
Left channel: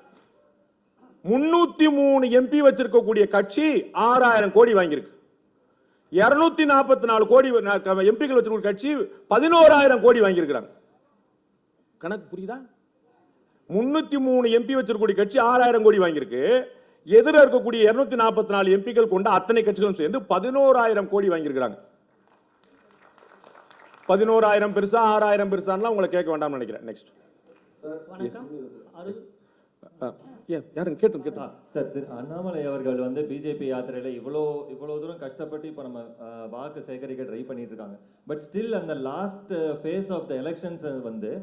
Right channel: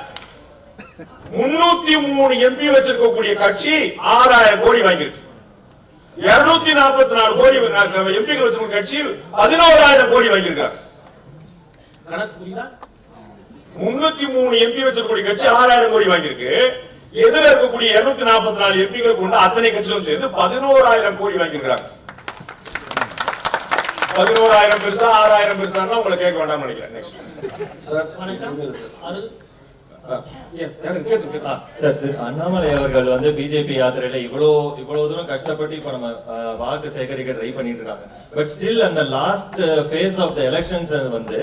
303 எம்பி வச்சிருக்கக்கூடிய கட்சி 6000 கோடி வாங்கியிருக்கு. 244 கோடி எம்பி வச்சிருக்க கட்சி 11000 கோடி வாங்கியிருக்காங்க. 303 எம்பி வச்சிருக்கக்கூடிய கட்சி 6000 கோடி வாங்கியிருக்கு. எதிர இருக்கக்கூடிய 244 எம்பிகள் கொண்ட அத்தனை கட்சிகளும் சேர்ந்து 11000 கோடி வாங்கியிருக்காங்க. 11000 பெருசா 6000 பெருசா உங்களை கேட்க வேண்டாம் நினைக்கிறேன். நெக்ஸ்ட் சார், அண்ணாமலை அவர்கள் வந்து பிஜேபி யாத்திரையில இவ்வளவு தூரம் கஷ்டப்பட்டு இப்ப நம்ம வாக்கு சேகரிக்க ட்ரை பண்ணிட்டு இருக்காங்க. பட் ஸ்டில் அந்த last phase of the elections வந்து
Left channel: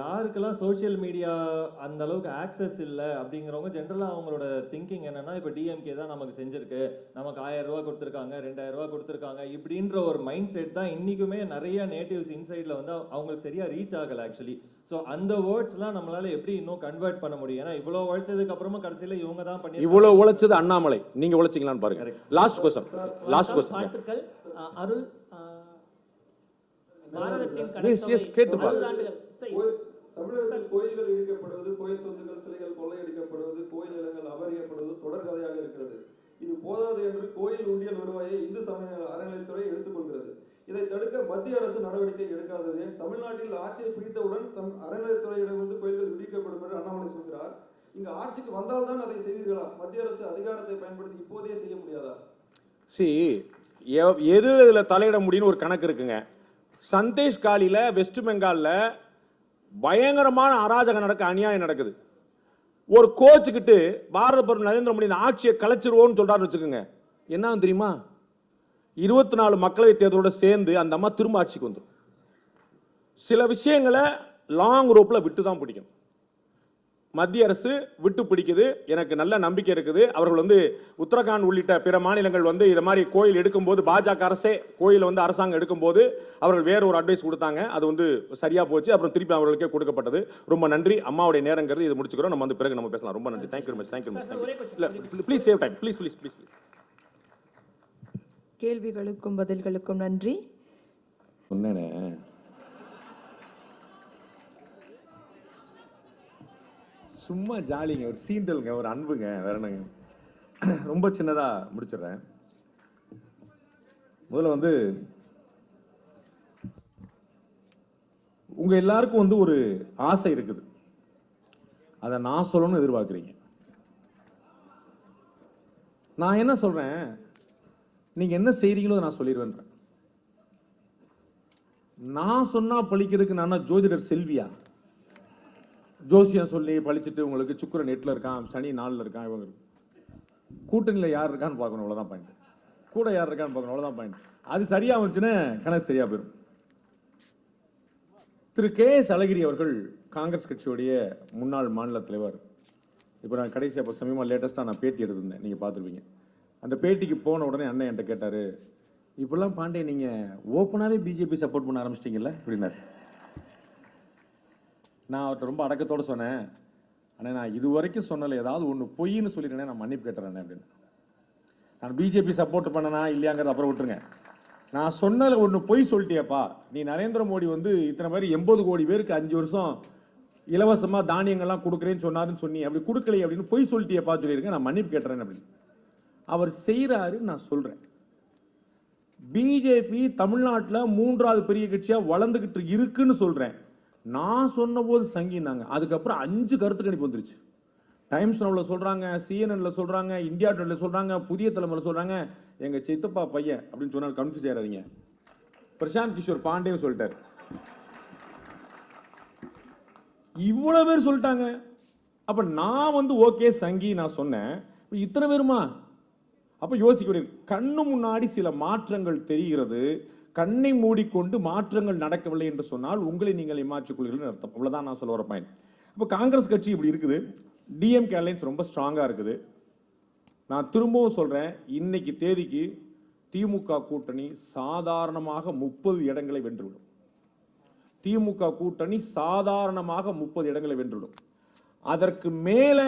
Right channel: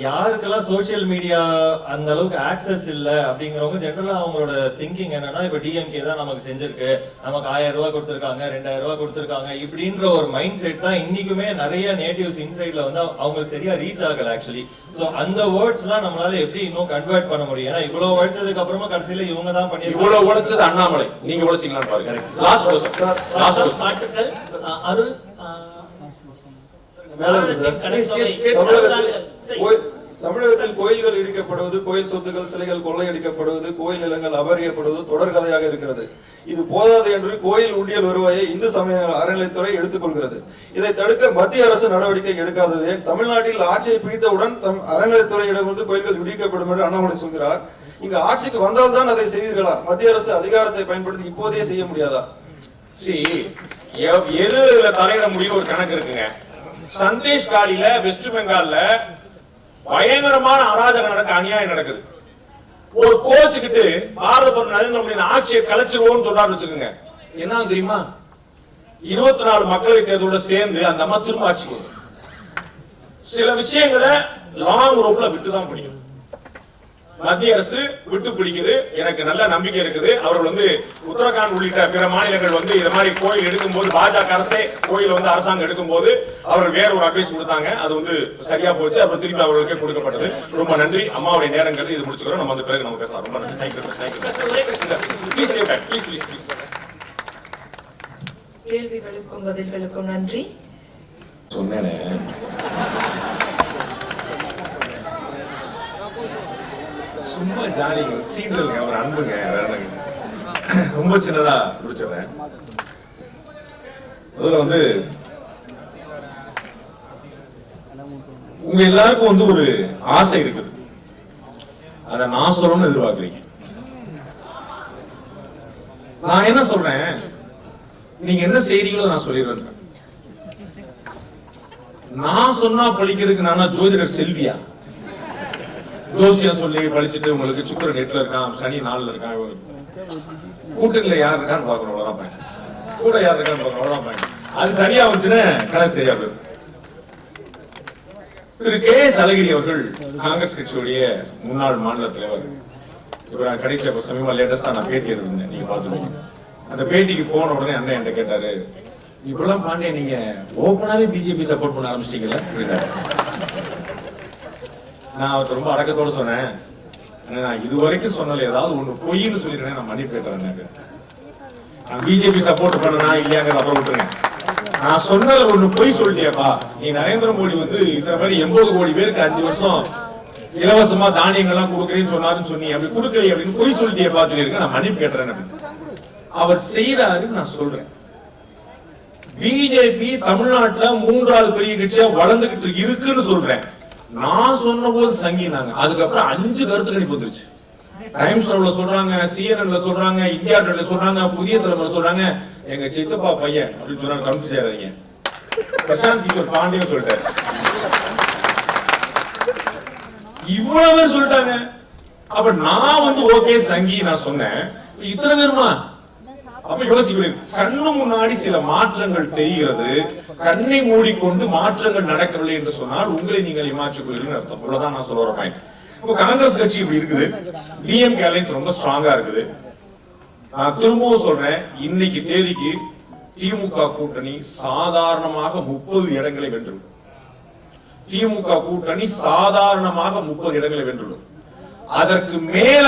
யாருக்கெல்லாம் சோஷியல் மீடியா அந்த அளவுக்கு ஆக்சஸ் இல்ல அப்படிங்கிறவங்க ஜெனரலா அவங்களோட திங்கிங் என்னன்னா இப்ப டிஎம்கே தான் நமக்கு செஞ்சிருக்கு, நமக்கு 1000 ரூபாய் கொடுத்துருக்காங்க, 2000 ரூபாய் கொடுத்துருக்காங்க இப்படின்ற ஒரு மைண்ட் செட் தான் இன்னைக்குமே நிறைய நேட்டிவ்ஸ் இன்சைட்ல வந்து அவங்களுக்கு சரியா ரீச் ஆகல ஆக்சுவலி. சோ அந்த வேர்ட்ஸ் எல்லாம் நம்மளால எப்படி இன்னும் கன்வெர்ட் பண்ண முடியும்? ஏன்னா இவ்வளவு உழைச்சதுக்கு அப்புறமா கடைசியில இவங்க தான் இவ்வளவு உழைச்சது அண்ணாமலை, நீங்க உழைச்சீங்க பாருங்க. அருள் தமிழகத்தில் கோயில்கள் இடிக்கப்படுவது, கோயில் சொத்துக்கள் சிலைகள் கொள்ளையடிக்கப்படுவது, கோயில் நிலங்கள் அபகரிக்கப்படுவது தொடர்கதையாக இருக்கிறது. இது போதாது என்று கோயில் உண்டியல் வருவாயை இந்து சமய அறநிலைத்துறை எடுத்துக்கொள்கிறது. இதை தடுக்க மத்திய அரசு நடவடிக்கை எடுக்காததே தமிழ்நாட்டில் ஆட்சியை பிடித்தவுடன் அறநிலைத்துறையிடமிருந்து கோயில்கள் இடிக்கப்படும் என்று அண்ணாமலை சொல்கிறார். இங்கு ஆட்சிக்கு வந்தால்தான் அதை செய்வீர்களா? மத்திய அரசு அதிகாரத்தை பயன்படுத்தி இப்போதே செய்ய முடியாதா? ஒரு கணக்கு இருக்குங்க. சந்தேஷ் காலில வெஸ்ட் பெங்கால்ல பயங்கரமான அராஜகம் நடக்க, அநியாயம் நடக்குது. ஒரு கோச்சுக்கிட்டு பாரத பிரதமர் நரேந்திர மோடி ஆட்சியை கலைச்சிருவோம்னு சொன்னாரு வச்சுக்கோங்க. என்ன தெரியுமா? 24 மக்களவை தேர்தலோட சேர்ந்து அந்த அம்மா திரும்ப ஆட்சிக்கு சில விஷயங்களை லாங் ரோப்ல விட்டுதான் பிடிக்கும். மத்திய அரசு விட்டு பிடிக்குது. எனக்கு நல்ல நம்பிக்கை இருக்குது. அவர் வந்து உத்தரகாண்ட் உள்ளிட்ட பிற மாநிலங்கள் வந்து இந்த மாதிரி கோயில் எடுக்கும்போது பாஜக அரசே கோயில் வந்து அரசாங்கம் எடுக்கும்போது அவர்கள் வேற ஒரு அட்வைஸ் கொடுத்தாங்க. அது வந்து சரியா போச்சு. அது திருப்பி அவர்களுக்கு கொடுக்கப்பட்டது. ரொம்ப நன்றி. அம்மாவுடைய நேரங்கள் இது முடிச்சுக்கிறோம். நம்ம வந்து பிறகு நம்ம பேசலாம். கேள்விகளுக்கும் பதில்களுக்கும் நன்றி. சொன்னேனே சும்மா ஜாலிங்க, சீட்டலுங்க, ஒரு அன்புங்க, வேறனுங்க. ரொம்ப சின்னதா முடிச்சிடுறேன். முதல்ல வந்து உங்க எல்லாருக்கும் வந்து ஒரு ஆசை இருக்குது. அதை நான் சொல்லணும்னு எதிர்பார்க்கிறீங்க. நான் என்ன சொல்றேன், நீங்க என்ன செய்றீங்களோ நான் சொல்லிடுறேன். நான் சொன்னா பழிக்கிறதுக்கு நான் ஜோதிடர் செல்வியா? ஜோசியா சொல்லி படிச்சுட்டு உங்களுக்கு சுக்கிரன் 8ல இருக்கான், சனி 4ல இருக்கான், கூட்டத்துல யார் இருக்கான்னு பார்க்கணும், அவ்வளவுதான். கூட யார் இருக்கான்னு பார்க்கணும், அவ்வளவுதான். அது சரியா வந்துச்சுன்னா கணக்கு சரியா போயிடும். திரு கே.எஸ். அழகிரி அவர்கள் காங்கிரஸ் கட்சியுடைய முன்னாள் மாநில தலைவர். இப்ப நான் கடைசியா சமீபமா லேட்டஸ்டா நான் பேட்டி எடுத்திருந்தேன், நீங்க பாத்துருவீங்க. அந்த பேட்டிக்கு போன உடனே அண்ணன் என்கிட்ட கேட்டாரு, இப்பெல்லாம் பாண்டிய நீங்க ஓப்பனாவே பிஜேபி சப்போர்ட் பண்ண ஆரம்பிச்சிட்டீங்களா அப்படின்னாரு. நான் அவருக்கு ரொம்ப அடக்கத்தோட சொன்னேன், நான் இது வரைக்கும் சொன்னல ஏதாவது ஒண்ணு பொய்ன்னு சொல்லிருக்கேன், நான் மன்னிப்பு கேட்கறேன். நான் பிஜேபி சப்போர்ட் பண்ணனா இல்லையாங்கிற அப்புறம் விட்டுருங்க. நான் சொன்னது ஒண்ணு பொய் சொல்லிட்டியப்பா. நீ நரேந்திர மோடி வந்து இந்த மாதிரி 80 கோடி பேருக்கு 5 வருஷம் இலவசமா தானியங்கள்லாம் கொடுக்குறேன்னு சொன்னாருன்னு சொன்னீங்க, அப்படி கொடுக்கல அப்படின்னு பொய் சொல்லிட்டியப்பா சொல்லியிருக்கேன். நான் மன்னிப்பு கேட்டுறேன். அவர் செய்யறாருன்னு நான் சொல்றேன். பிஜேபி தமிழ்நாட்டுல 3வது பெரிய கட்சியா வளர்ந்துகிட்டு இருக்குன்னு சொல்றேன். நான் சொன்ன போது சங்கினாங்க. அதுக்கப்புறம் 5 கருத்து கணிப்பு வந்துருச்சு. டைம்ஸ் சொல்றாங்க, சிஎன்என்ல சொல்றாங்க, இந்தியா டுடேல சொல்றாங்க, புதிய தலைமுறை சொல்றாங்க, எங்க சித்தப்பா பையன் அப்படின்னு சொன்னாங்க. கமிட்டி சேராதீங்க, பிரசாந்த் கிஷோர் பாண்டியன் சொல்லிட்டாரு. இவ்வளவு சொல்லிட்டாங்க. அப்ப நான் வந்து ஓகே சங்கி நான் சொன்னேன், இத்தனை பேருமா? அப்ப யோசிக்கிறேன், கண்ணு முன்னாடி சில மாற்றங்கள் தெரிகிறது, கண்ணை மூடிக்கொண்டு மாற்றங்கள் நடக்கவில்லை என்று சொன்னால் உங்களை நீங்கள் ஏமாற்றிக் கொள்கிறீர்கள் அர்த்தம். இவ்வளவுதான் நான் சொல்ல வரேன். இப்ப காங்கிரஸ் கட்சி இப்படி இருக்குது, டிஎம்கே அலைன்ஸ் ரொம்ப ஸ்ட்ராங்கா இருக்குது. நான் திரும்பவும் சொல்றேன், இன்னைக்கு தேதிக்கு திமுக கூட்டணி சாதாரணமாக 30 இடங்களை வென்றுடும். திமுக கூட்டணி சாதாரணமாக 30 இடங்களை வென்றுடும். அதற்கு மேல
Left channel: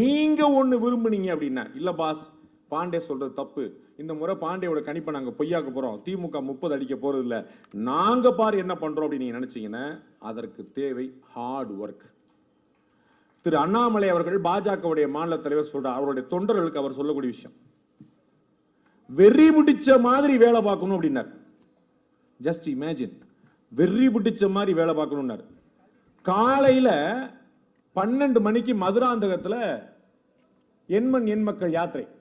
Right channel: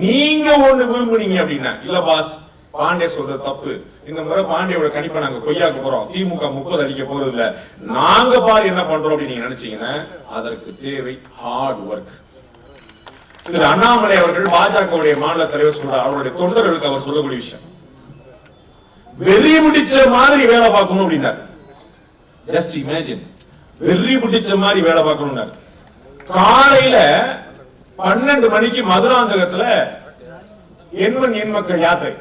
நீங்க ஒண்ணு விரும்புனீங்க அப்படின்னா, இல்ல பாஸ் பாண்டே சொல்றது தப்பு, இந்த முறை பாண்டியோட கணிப்பை நாங்க கொய்யாக்க போறோம், திமுக 30 அடிக்க போறது இல்ல, நாங்க பாரு என்ன பண்றோம் அப்படின்னு நீங்க நினைச்சீங்கன்னா அதற்கு தேவை ஹார்ட் ஒர்க். திரு அண்ணாமலை அவர்கள் பாஜகவுடைய மாநில தலைவர் சொல்றார், அவருடைய தொண்டர்களுக்கு அவர் சொல்லக்கூடிய விஷயம், வெறி பிடிச்ச மாதிரி வேலை பார்க்கணும் அப்படின்னார். ஜஸ்ட் இமேஜின், வெறி பிடிச்ச மாதிரி வேலை பார்க்கணும். காலையில 12 மணிக்கு மதுராந்தகத்துல எண்மண் எண் மக்கள் யாத்திரை,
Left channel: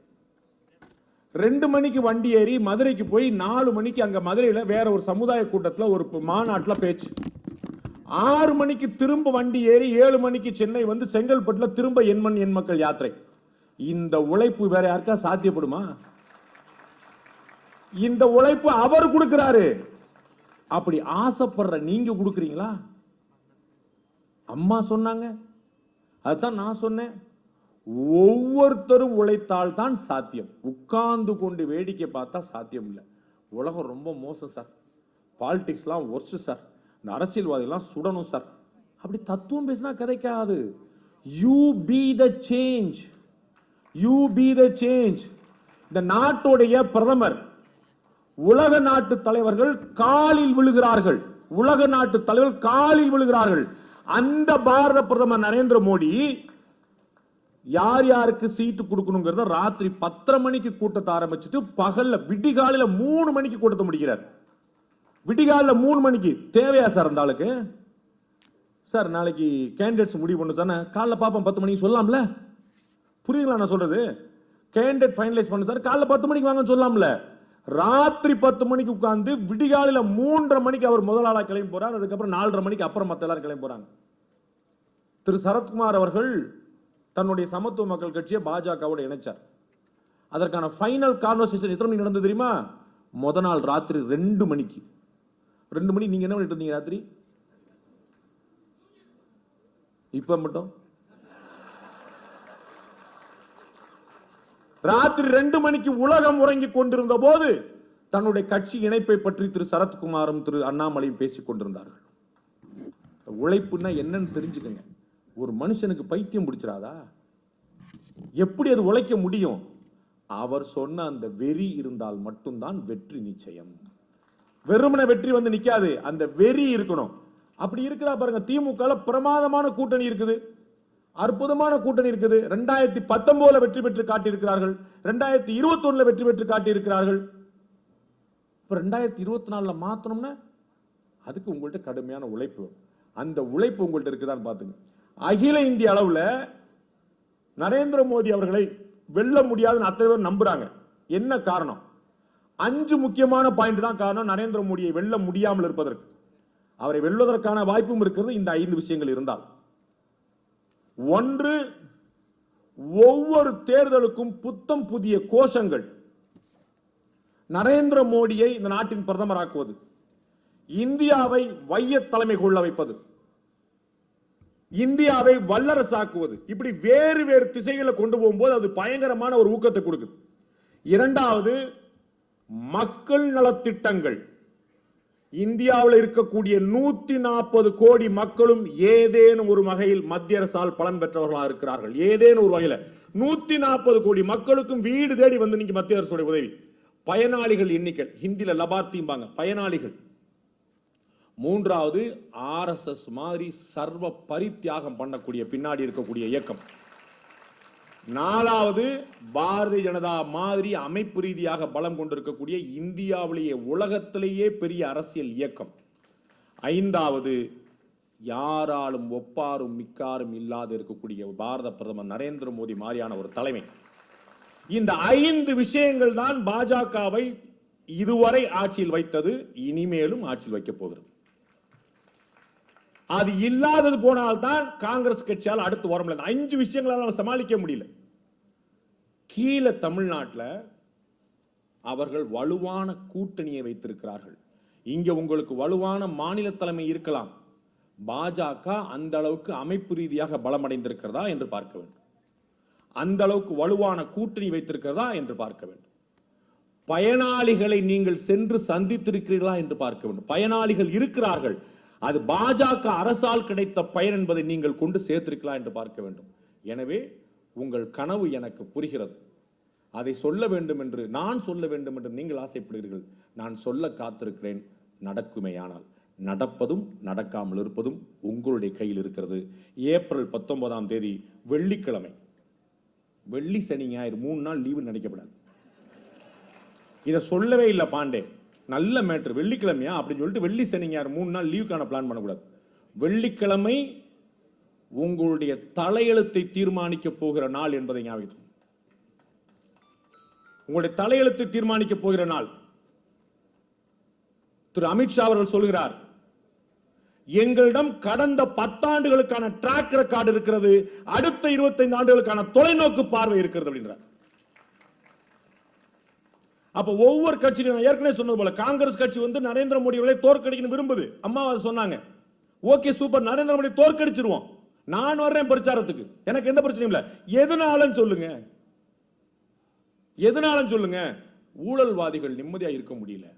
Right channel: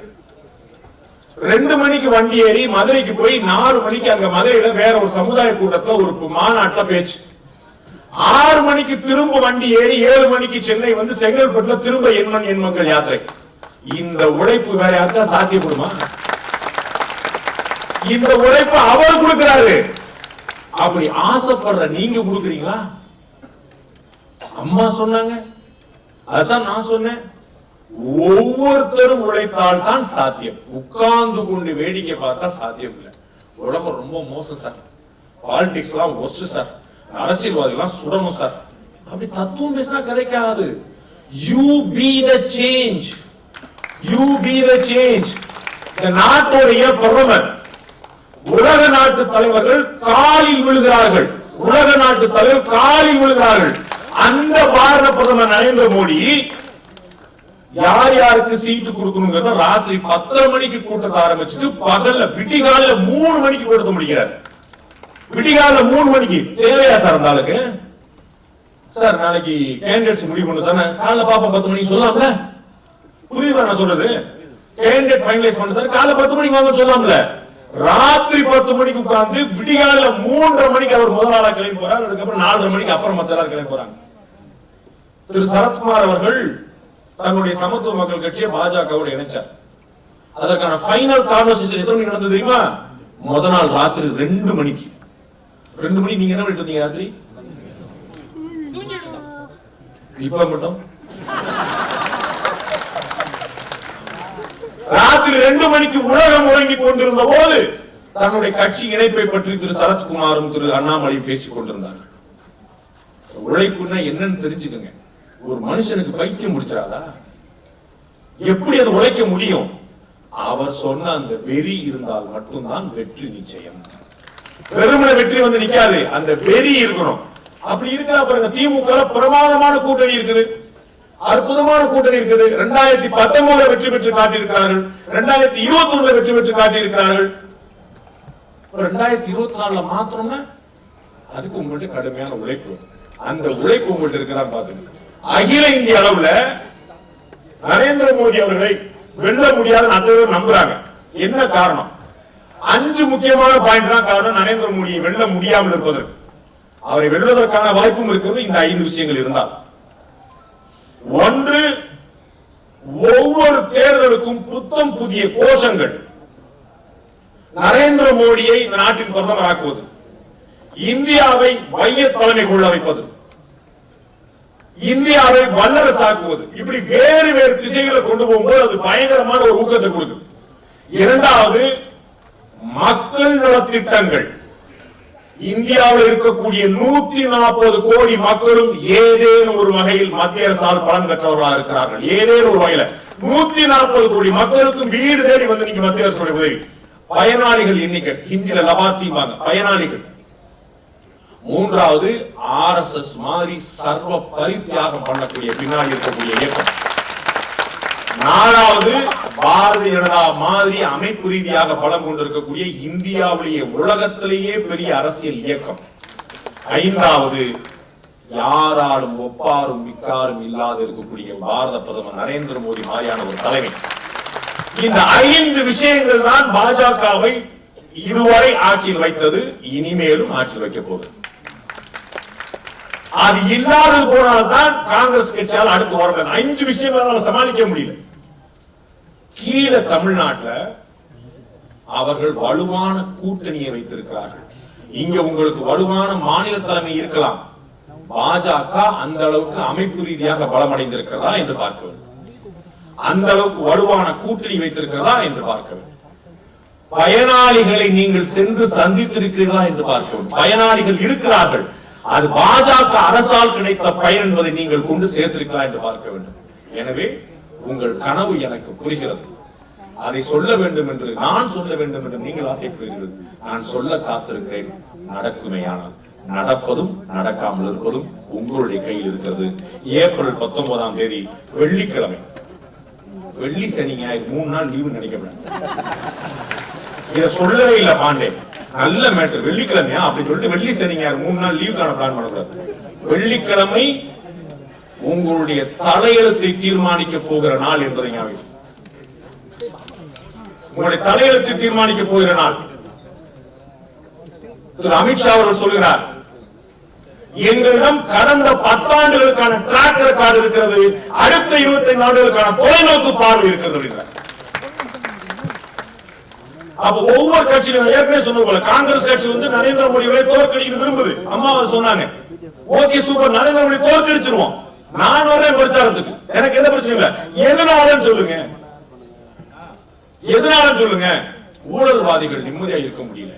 2 மணிக்கு வண்டி ஏறி மதுரைக்கு போய் 4 மணிக்கு அங்க மதுரையில வேற ஒரு சமுதாய கூட்டத்துல ஒரு மாநாட்டுல பேச்சு, 6 மணிக்கு திரும்ப வண்டி ஏறி 7 மணிக்கு சென்னை வந்து செங்கல்பட்டுல திரும்ப எண்மண் எண் மக்கள் யாத்திரை. இந்த உழைப்பு வேற யாருக்கா சாத்தியப்படுமா? இந்த உழைப்பு அவர் கொடுக்கிறாரு. அப்படி ஆசைப்படுற நீங்க கொடுக்குறீங்களா? அம்மா சொன்னாங்க, அதான் நான் சொன்னேன். ஒவ்வொருத்தரும் உழைத்தால் தான் சாத்தியம். உட்கார்ந்து கொண்டு வேடிக்கை பார்த்தா சாத்தியம் இல்லை. உலகம் ரொம்ப மோசம் சார். பாலிடிக்ஸ் எல்லாம் ஒஸ்ட் சார். அரசியல்வாதிகள் சுடணும் சார். அப்படி தத்துவம் பேசினா கதைக்காது. You be the change. You be the change. இந்த நாட்டுடைய பிரதமர், உலக நாட்டு தலைவர்கள் காலில் விழுகிறார்கள். உலக நாட்டு தலைவர் காலில் விழுகிறார்கள். அந்த பாரத பிரதமர் நரேந்திர மோடி யார் யாருக்கு சீட்டு கொடுக்கணுங்கிறத ராத்திரி 10 மணிக்கு கூட்டத்தை ஆரம்பிச்சுட்டு பகல்ல விடிகால 3 மணிக்கு கொடுத்து முடிக்கிறார். விடிகால 3 மணிக்கு தேவையா சார் அந்த ஆளுக்கு? சார் நாளைக்கு கேண்டிடேட்ஸ் முடிவு பண்ண சார், காலைல பாப்பா 10 மணிக்கு சொல்லலாம்ல? புரியுதா நான் சொல்றது? கேண்டிடேட் ஃபைனலைஸ் பண்ண சார், காலைல 10 மணிக்கு வாங்க சொல்லலாம்ல? ராத்திரி 10 மணிக்கு உட்கார்ந்து விடிகால 3:30 மணிக்கு அவர் முதல் ஆளா கிளம்பி போறார். அதுக்கப்புறம் 4:30 மணிக்கு அப்புறம் மத்த எல்லாரும் கிளம்பி போறாங்க. திரு சரத்குமார் அவர்கள் தன்னுடைய சமத்துவ மக்கள் கட்சியை பாஜகவோட இணைச்சார். அதற்கான ஃபைனல் கான்வர்சேஷன் எத்தனை மணிக்கு நடந்தது தெரியுமா? முத நாள் ராத்திரி 2 மணிக்கு. 2 மணி நீங்க என்ன பண்ணிட்டு வந்தீங்க ராத்திரி? இப்ப மட்டும் ராத்திரி 2 மணிக்கு உலகம் முழங்கி கொண்டிருந்த போது தன்னுடைய கட்சி இணைப்பை பற்றி திரு சரத்குமாரும் திரு அண்ணாமலையும் பேசிக் கொண்டிருந்தார்கள். உழைப்புன்னா என்னன்னு தெரிஞ்சுக்கங்க. ஒரு மனுஷனுக்கு பைத்தியம் முடிச்சிடாதா? எப்படி அது உழைக்க முடியும்? அவர் சொன்ன அந்த வெறி இருந்தால் மட்டும்தான் வெற்றி நிச்சயம். வெறுமனே வெற்றி வந்து நிக்காது, அந்த வெறி இருக்கணும். அப்படி இருக்கிற பாருங்க, திமுக பிரமாதமான கூட்டணி இருக்குது, அற்புதமான கூட்டணி இருக்குது. 2019 வெற்றி பெற்று காட்டியிருக்கிறார்கள், 2021 வெற்றி பெற்று காட்டியிருக்கிறார்கள். 2024 மாத்தணும்னா அதுக்கு உங்கள்கிட்ட கடுமையான உழைப்பு, அந்த உழைப்பு உங்கள்கிட்ட இருக்கிறா பாத்துங்க. அகில இந்திய அளவுல நரேந்திர மோடி அவர்களை வெல்ல முடியாத அனைவரும் நம்புறாங்க. என்ன காரணம்? 5 முக்கியமான பாயிண்ட் தான் காரணம் நரேந்திர மோடியை வெல்ல முடியாமல் இருப்பதற்கு. அவரை வெல்வதற்கான வாய்ப்பும் இருக்குது இந்த 5 விஷயங்கள் இருந்தால். ஒன்று, ஒவ்வொரு தேர்தலுக்கும் புத்தம் புதிய கோஷங்கள். நரேந்திர மோடியை இந்த நாட்டின் பிரதமராக்குவது, இந்தியாவை மைய தலைமை கொள்ள வைப்பது, இந்தியாவை வல்லரசாக்குவது, இப்படி வேறு வேறு திசைகளை கொண்டு போகும்போது அது பயங்கரமான ஒரு ஊக்கத்தை கொடுக்கும். இரண்டாவது, மக்கள் நலத்திட்டங்கள். இந்தியாவில் இருக்கக்கூடிய 140 கோடி மக்களும் ஏதேனும் ஒரு வகையில் மத்திய அரசால் பலன் பெற்றவர்களாக இருக்கிறார்கள். ஏதேனும் ஒரு வகையில 140 கோடி மக்களுக்கு வீடு தேடி வந்து நீங்க மத்திய அரசுடைய உதவி. பயனாளிகள் எண்ணிக்கை, ஹிந்தியில லபார்த்திம்பாங்க, பயனாளிகள். மூன்றாவது, RSS மாதிரி சர்வ பரித்தியாகம் பண்ணக்கூடிய பின்னாடி இருக்கக்கூடிய இயக்கம். நாலாவது, பாரதிய ஜனதா மாதிரி அமைப்பு ரீதியாக பலம் கொண்டிருக்கக்கூடிய இந்தியாவிலேயே உலகத்திலேயே பெரிய அரசியல் இயக்கம். ஐந்தாவது, யாராலும் ஒப்பாரும் மிக்காரும் இல்லாத இருக்கக்கூடிய பாரத பிரதமர் நரேந்திர மோடி மாதிரியான ஒரு தலைமை. இந்த 5 விஷயங்கள் தான் பாஜகவை இதுவரை ஆட்சியில் வைத்தது, இனிமேலும் ஆட்சியில் வைக்க போகுது. அது இல்லாத போனால்தான் காங்கிரஸ் கட்சியால் அடுத்து வர 5 விஷயங்களை சமாளிக்க முடியல. கீழே தமிழ்நாட்டில் அவர்கள் வலுவான கூட்டணியை வைத்திருக்கிறார்கள். இங்க உங்களுக்கு வலுவான மாநில தலைமை இருக்கலாம். பாஜக அந்த அளவுக்கு அமைப்பு ரீதியாக பலமடைந்திருக்கிறதா என்று பார்க்க வேண்டும். அந்த அளவுக்கு வலுவான கூட்டணி வைத்திருக்கிறதா என்று பார்க்க வேண்டும். பயனாளிகளை நீங்கள் சென்று சந்தித்திருக்கிறீர்களா என்று பார்க்க வேண்டும். பயனாளிகள் இருக்கிறார்கள். அது பாஜக அரசால் கிடைத்த பயன் என்பதை நீங்கள் கொண்டு சேர்த்திருக்கலாம் என்று பார்க்க வேண்டும். எனவே உங்கள் கனவு எனக்கு புரிகிறது. அதை சொல்ல வேண்டும் என்று நான் சொல்ல வேண்டும் என்று நீங்கள் ஆசைப்படுகிறீர்கள். நான் சொல்ல காத்திருக்கிறேன். நடக்குமையானால் நடப்பதும் நடக்காமல் இருப்பதும் உங்களுடைய கையில் இருக்கிறது. ஏப்ரல் 19ஆம் தேதி வெள்ளிக்கிழமை, வெள்ளி சனி ஞாயிறு 3 நாள் லீவு நினைக்கிறேன். இதை சொல்லவே இல்லை பாண்டே. நல்ல மேட்டர். வெள்ளிக்கிழமையா அப்படின்னு சொல்லிட்டு வெள்ளி சனி ஞாயிறு 3 நாள் லீவுக்கான பிளான் பண்ணக்கூடாது. வெள்ளிக்கிழமை உங்களுடைய தலையெழுத்தை தீர்மானிக்க போகிற நாள் என்பதை ஞாபகம். உங்களுடைய தலையெழுத்தை தீர்மானிக்க போகிற நாள். திரு அமித்ஷா அவர்கள் சொல்கிறார், எங்களிடம் கடந்த 10 ஆண்டுகளுக்கான ட்ராக் ரெக்கார்டு இருக்கிறது, அடுத்த 25 ஆண்டுகளுக்கான தொலைநோக்கு பார்வை இருக்கிறது. அப்ப ஒவ்வொரு கட்சியிலும் ஏற்கனவே சொன்ன போல காங்கிரஸ் கட்சி நரேந்திர மோடியை தோற்கடிக்க விரும்புது. அம்மா சொன்னாங்க, ஓகே சூப்பர், நரேந்திர தோற்கடிச்சிருவோம். நான் வரேன் பிரச்சாரத்துக்கு, எனக்கு எந்த பிரச்சனையும் இல்ல. எதனாலன்னு சொல்லுங்க, எதனால சொல்லுங்க. ஊழல்வாதிகள் நிம்மதியா இருக்க முடியல.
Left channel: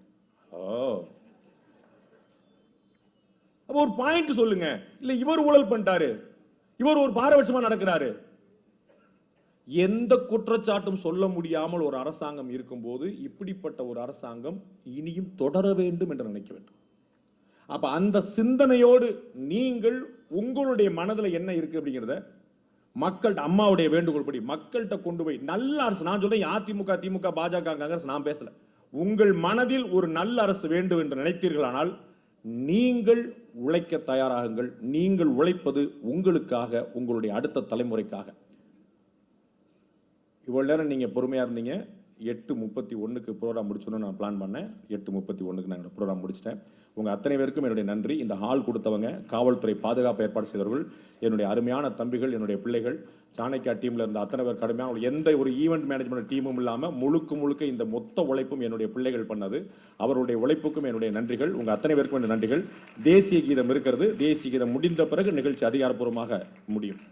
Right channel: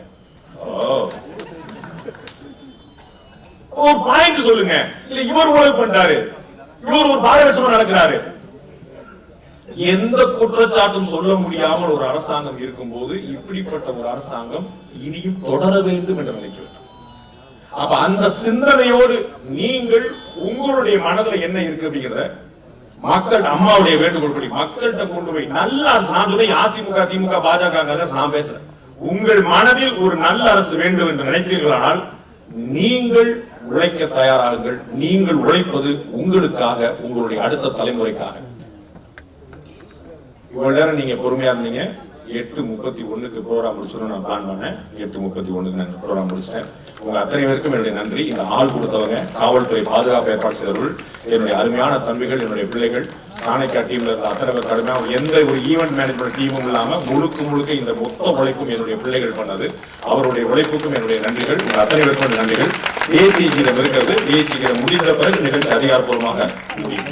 ஒரு பாயிண்ட் சொல்லுங்க. இல்ல இவர் ஊழல் பண்றாரு, இவர் ஒரு பாரபட்சமா நடக்கிறாரு. எந்த குற்றச்சாட்டும் சொல்ல முடியாமல் ஒரு அரசாங்கம் இருக்கும்போது இப்படிப்பட்ட ஒரு அரசாங்கம் இனியும் தொடர வேண்டும் என்று நினைக்கிறேன். அப்ப அந்த சிந்தனையோடு நீங்கள் உங்களுடைய மனதில் என்ன இருக்கு அப்படிங்கிறத மக்கள் அம்மாவுடைய வேண்டுகோள்படி மக்கள்கிட்ட கொண்டு போய் நல்ல அரசு. நான் சொன்னேன் அதிமுக திமுக பாஜக நான் பேசுறேன். உங்கள் மனதில் ஒரு நல்ல அரசு வேண்டும் என்று நினைத்தீர்களானால் நீங்கள் உழைக்க தயாராகுங்கள். நீங்கள் உழைப்பது உங்களுக்காக, உங்களுடைய அடுத்த தலைமுறைக்காக. இவ்வளவு நேரம் நீங்க பொறுமையா இருந்தீங்க. 8:31 ப்ரோக்ராம் முடிச்சோன்னு நான் பிளான் பண்ணேன். 8:31 நான் ப்ரோக்ராம் முடிச்சிட்டேன். உங்க அத்தனை பேருக்கும் என்னுடைய நன்றி. இந்த ஆள் கொடுத்தவங்க, காவல்துறை பாதுகாப்பு ஏற்பாடு செய்தவர்கள், என்னுடைய அருமையான தம்பிகள், என்னுடைய பிள்ளைகள், சாணக்கியா டீம்ல இருந்த அத்தனை பேர் கடுமையாக எந்த ஒரு ஈவெண்ட் மேனேஜ்மெண்ட் டீமும் இல்லாம முழுக்க இந்த மொத்த உழைப்பும் என்னுடைய பிள்ளைகள் பண்ணது. அவருடைய உழைப்புக்கும் என்னுடைய நன்றிகள். உங்கள் அத்தனை பேருக்கும் நன்றிகள். தேசிய கீதம் இருக்கிறது. தேசிய கீதம் முடிந்த பிறகு நிகழ்ச்சி அதிகாரப்பூர்வமாக முடியும்.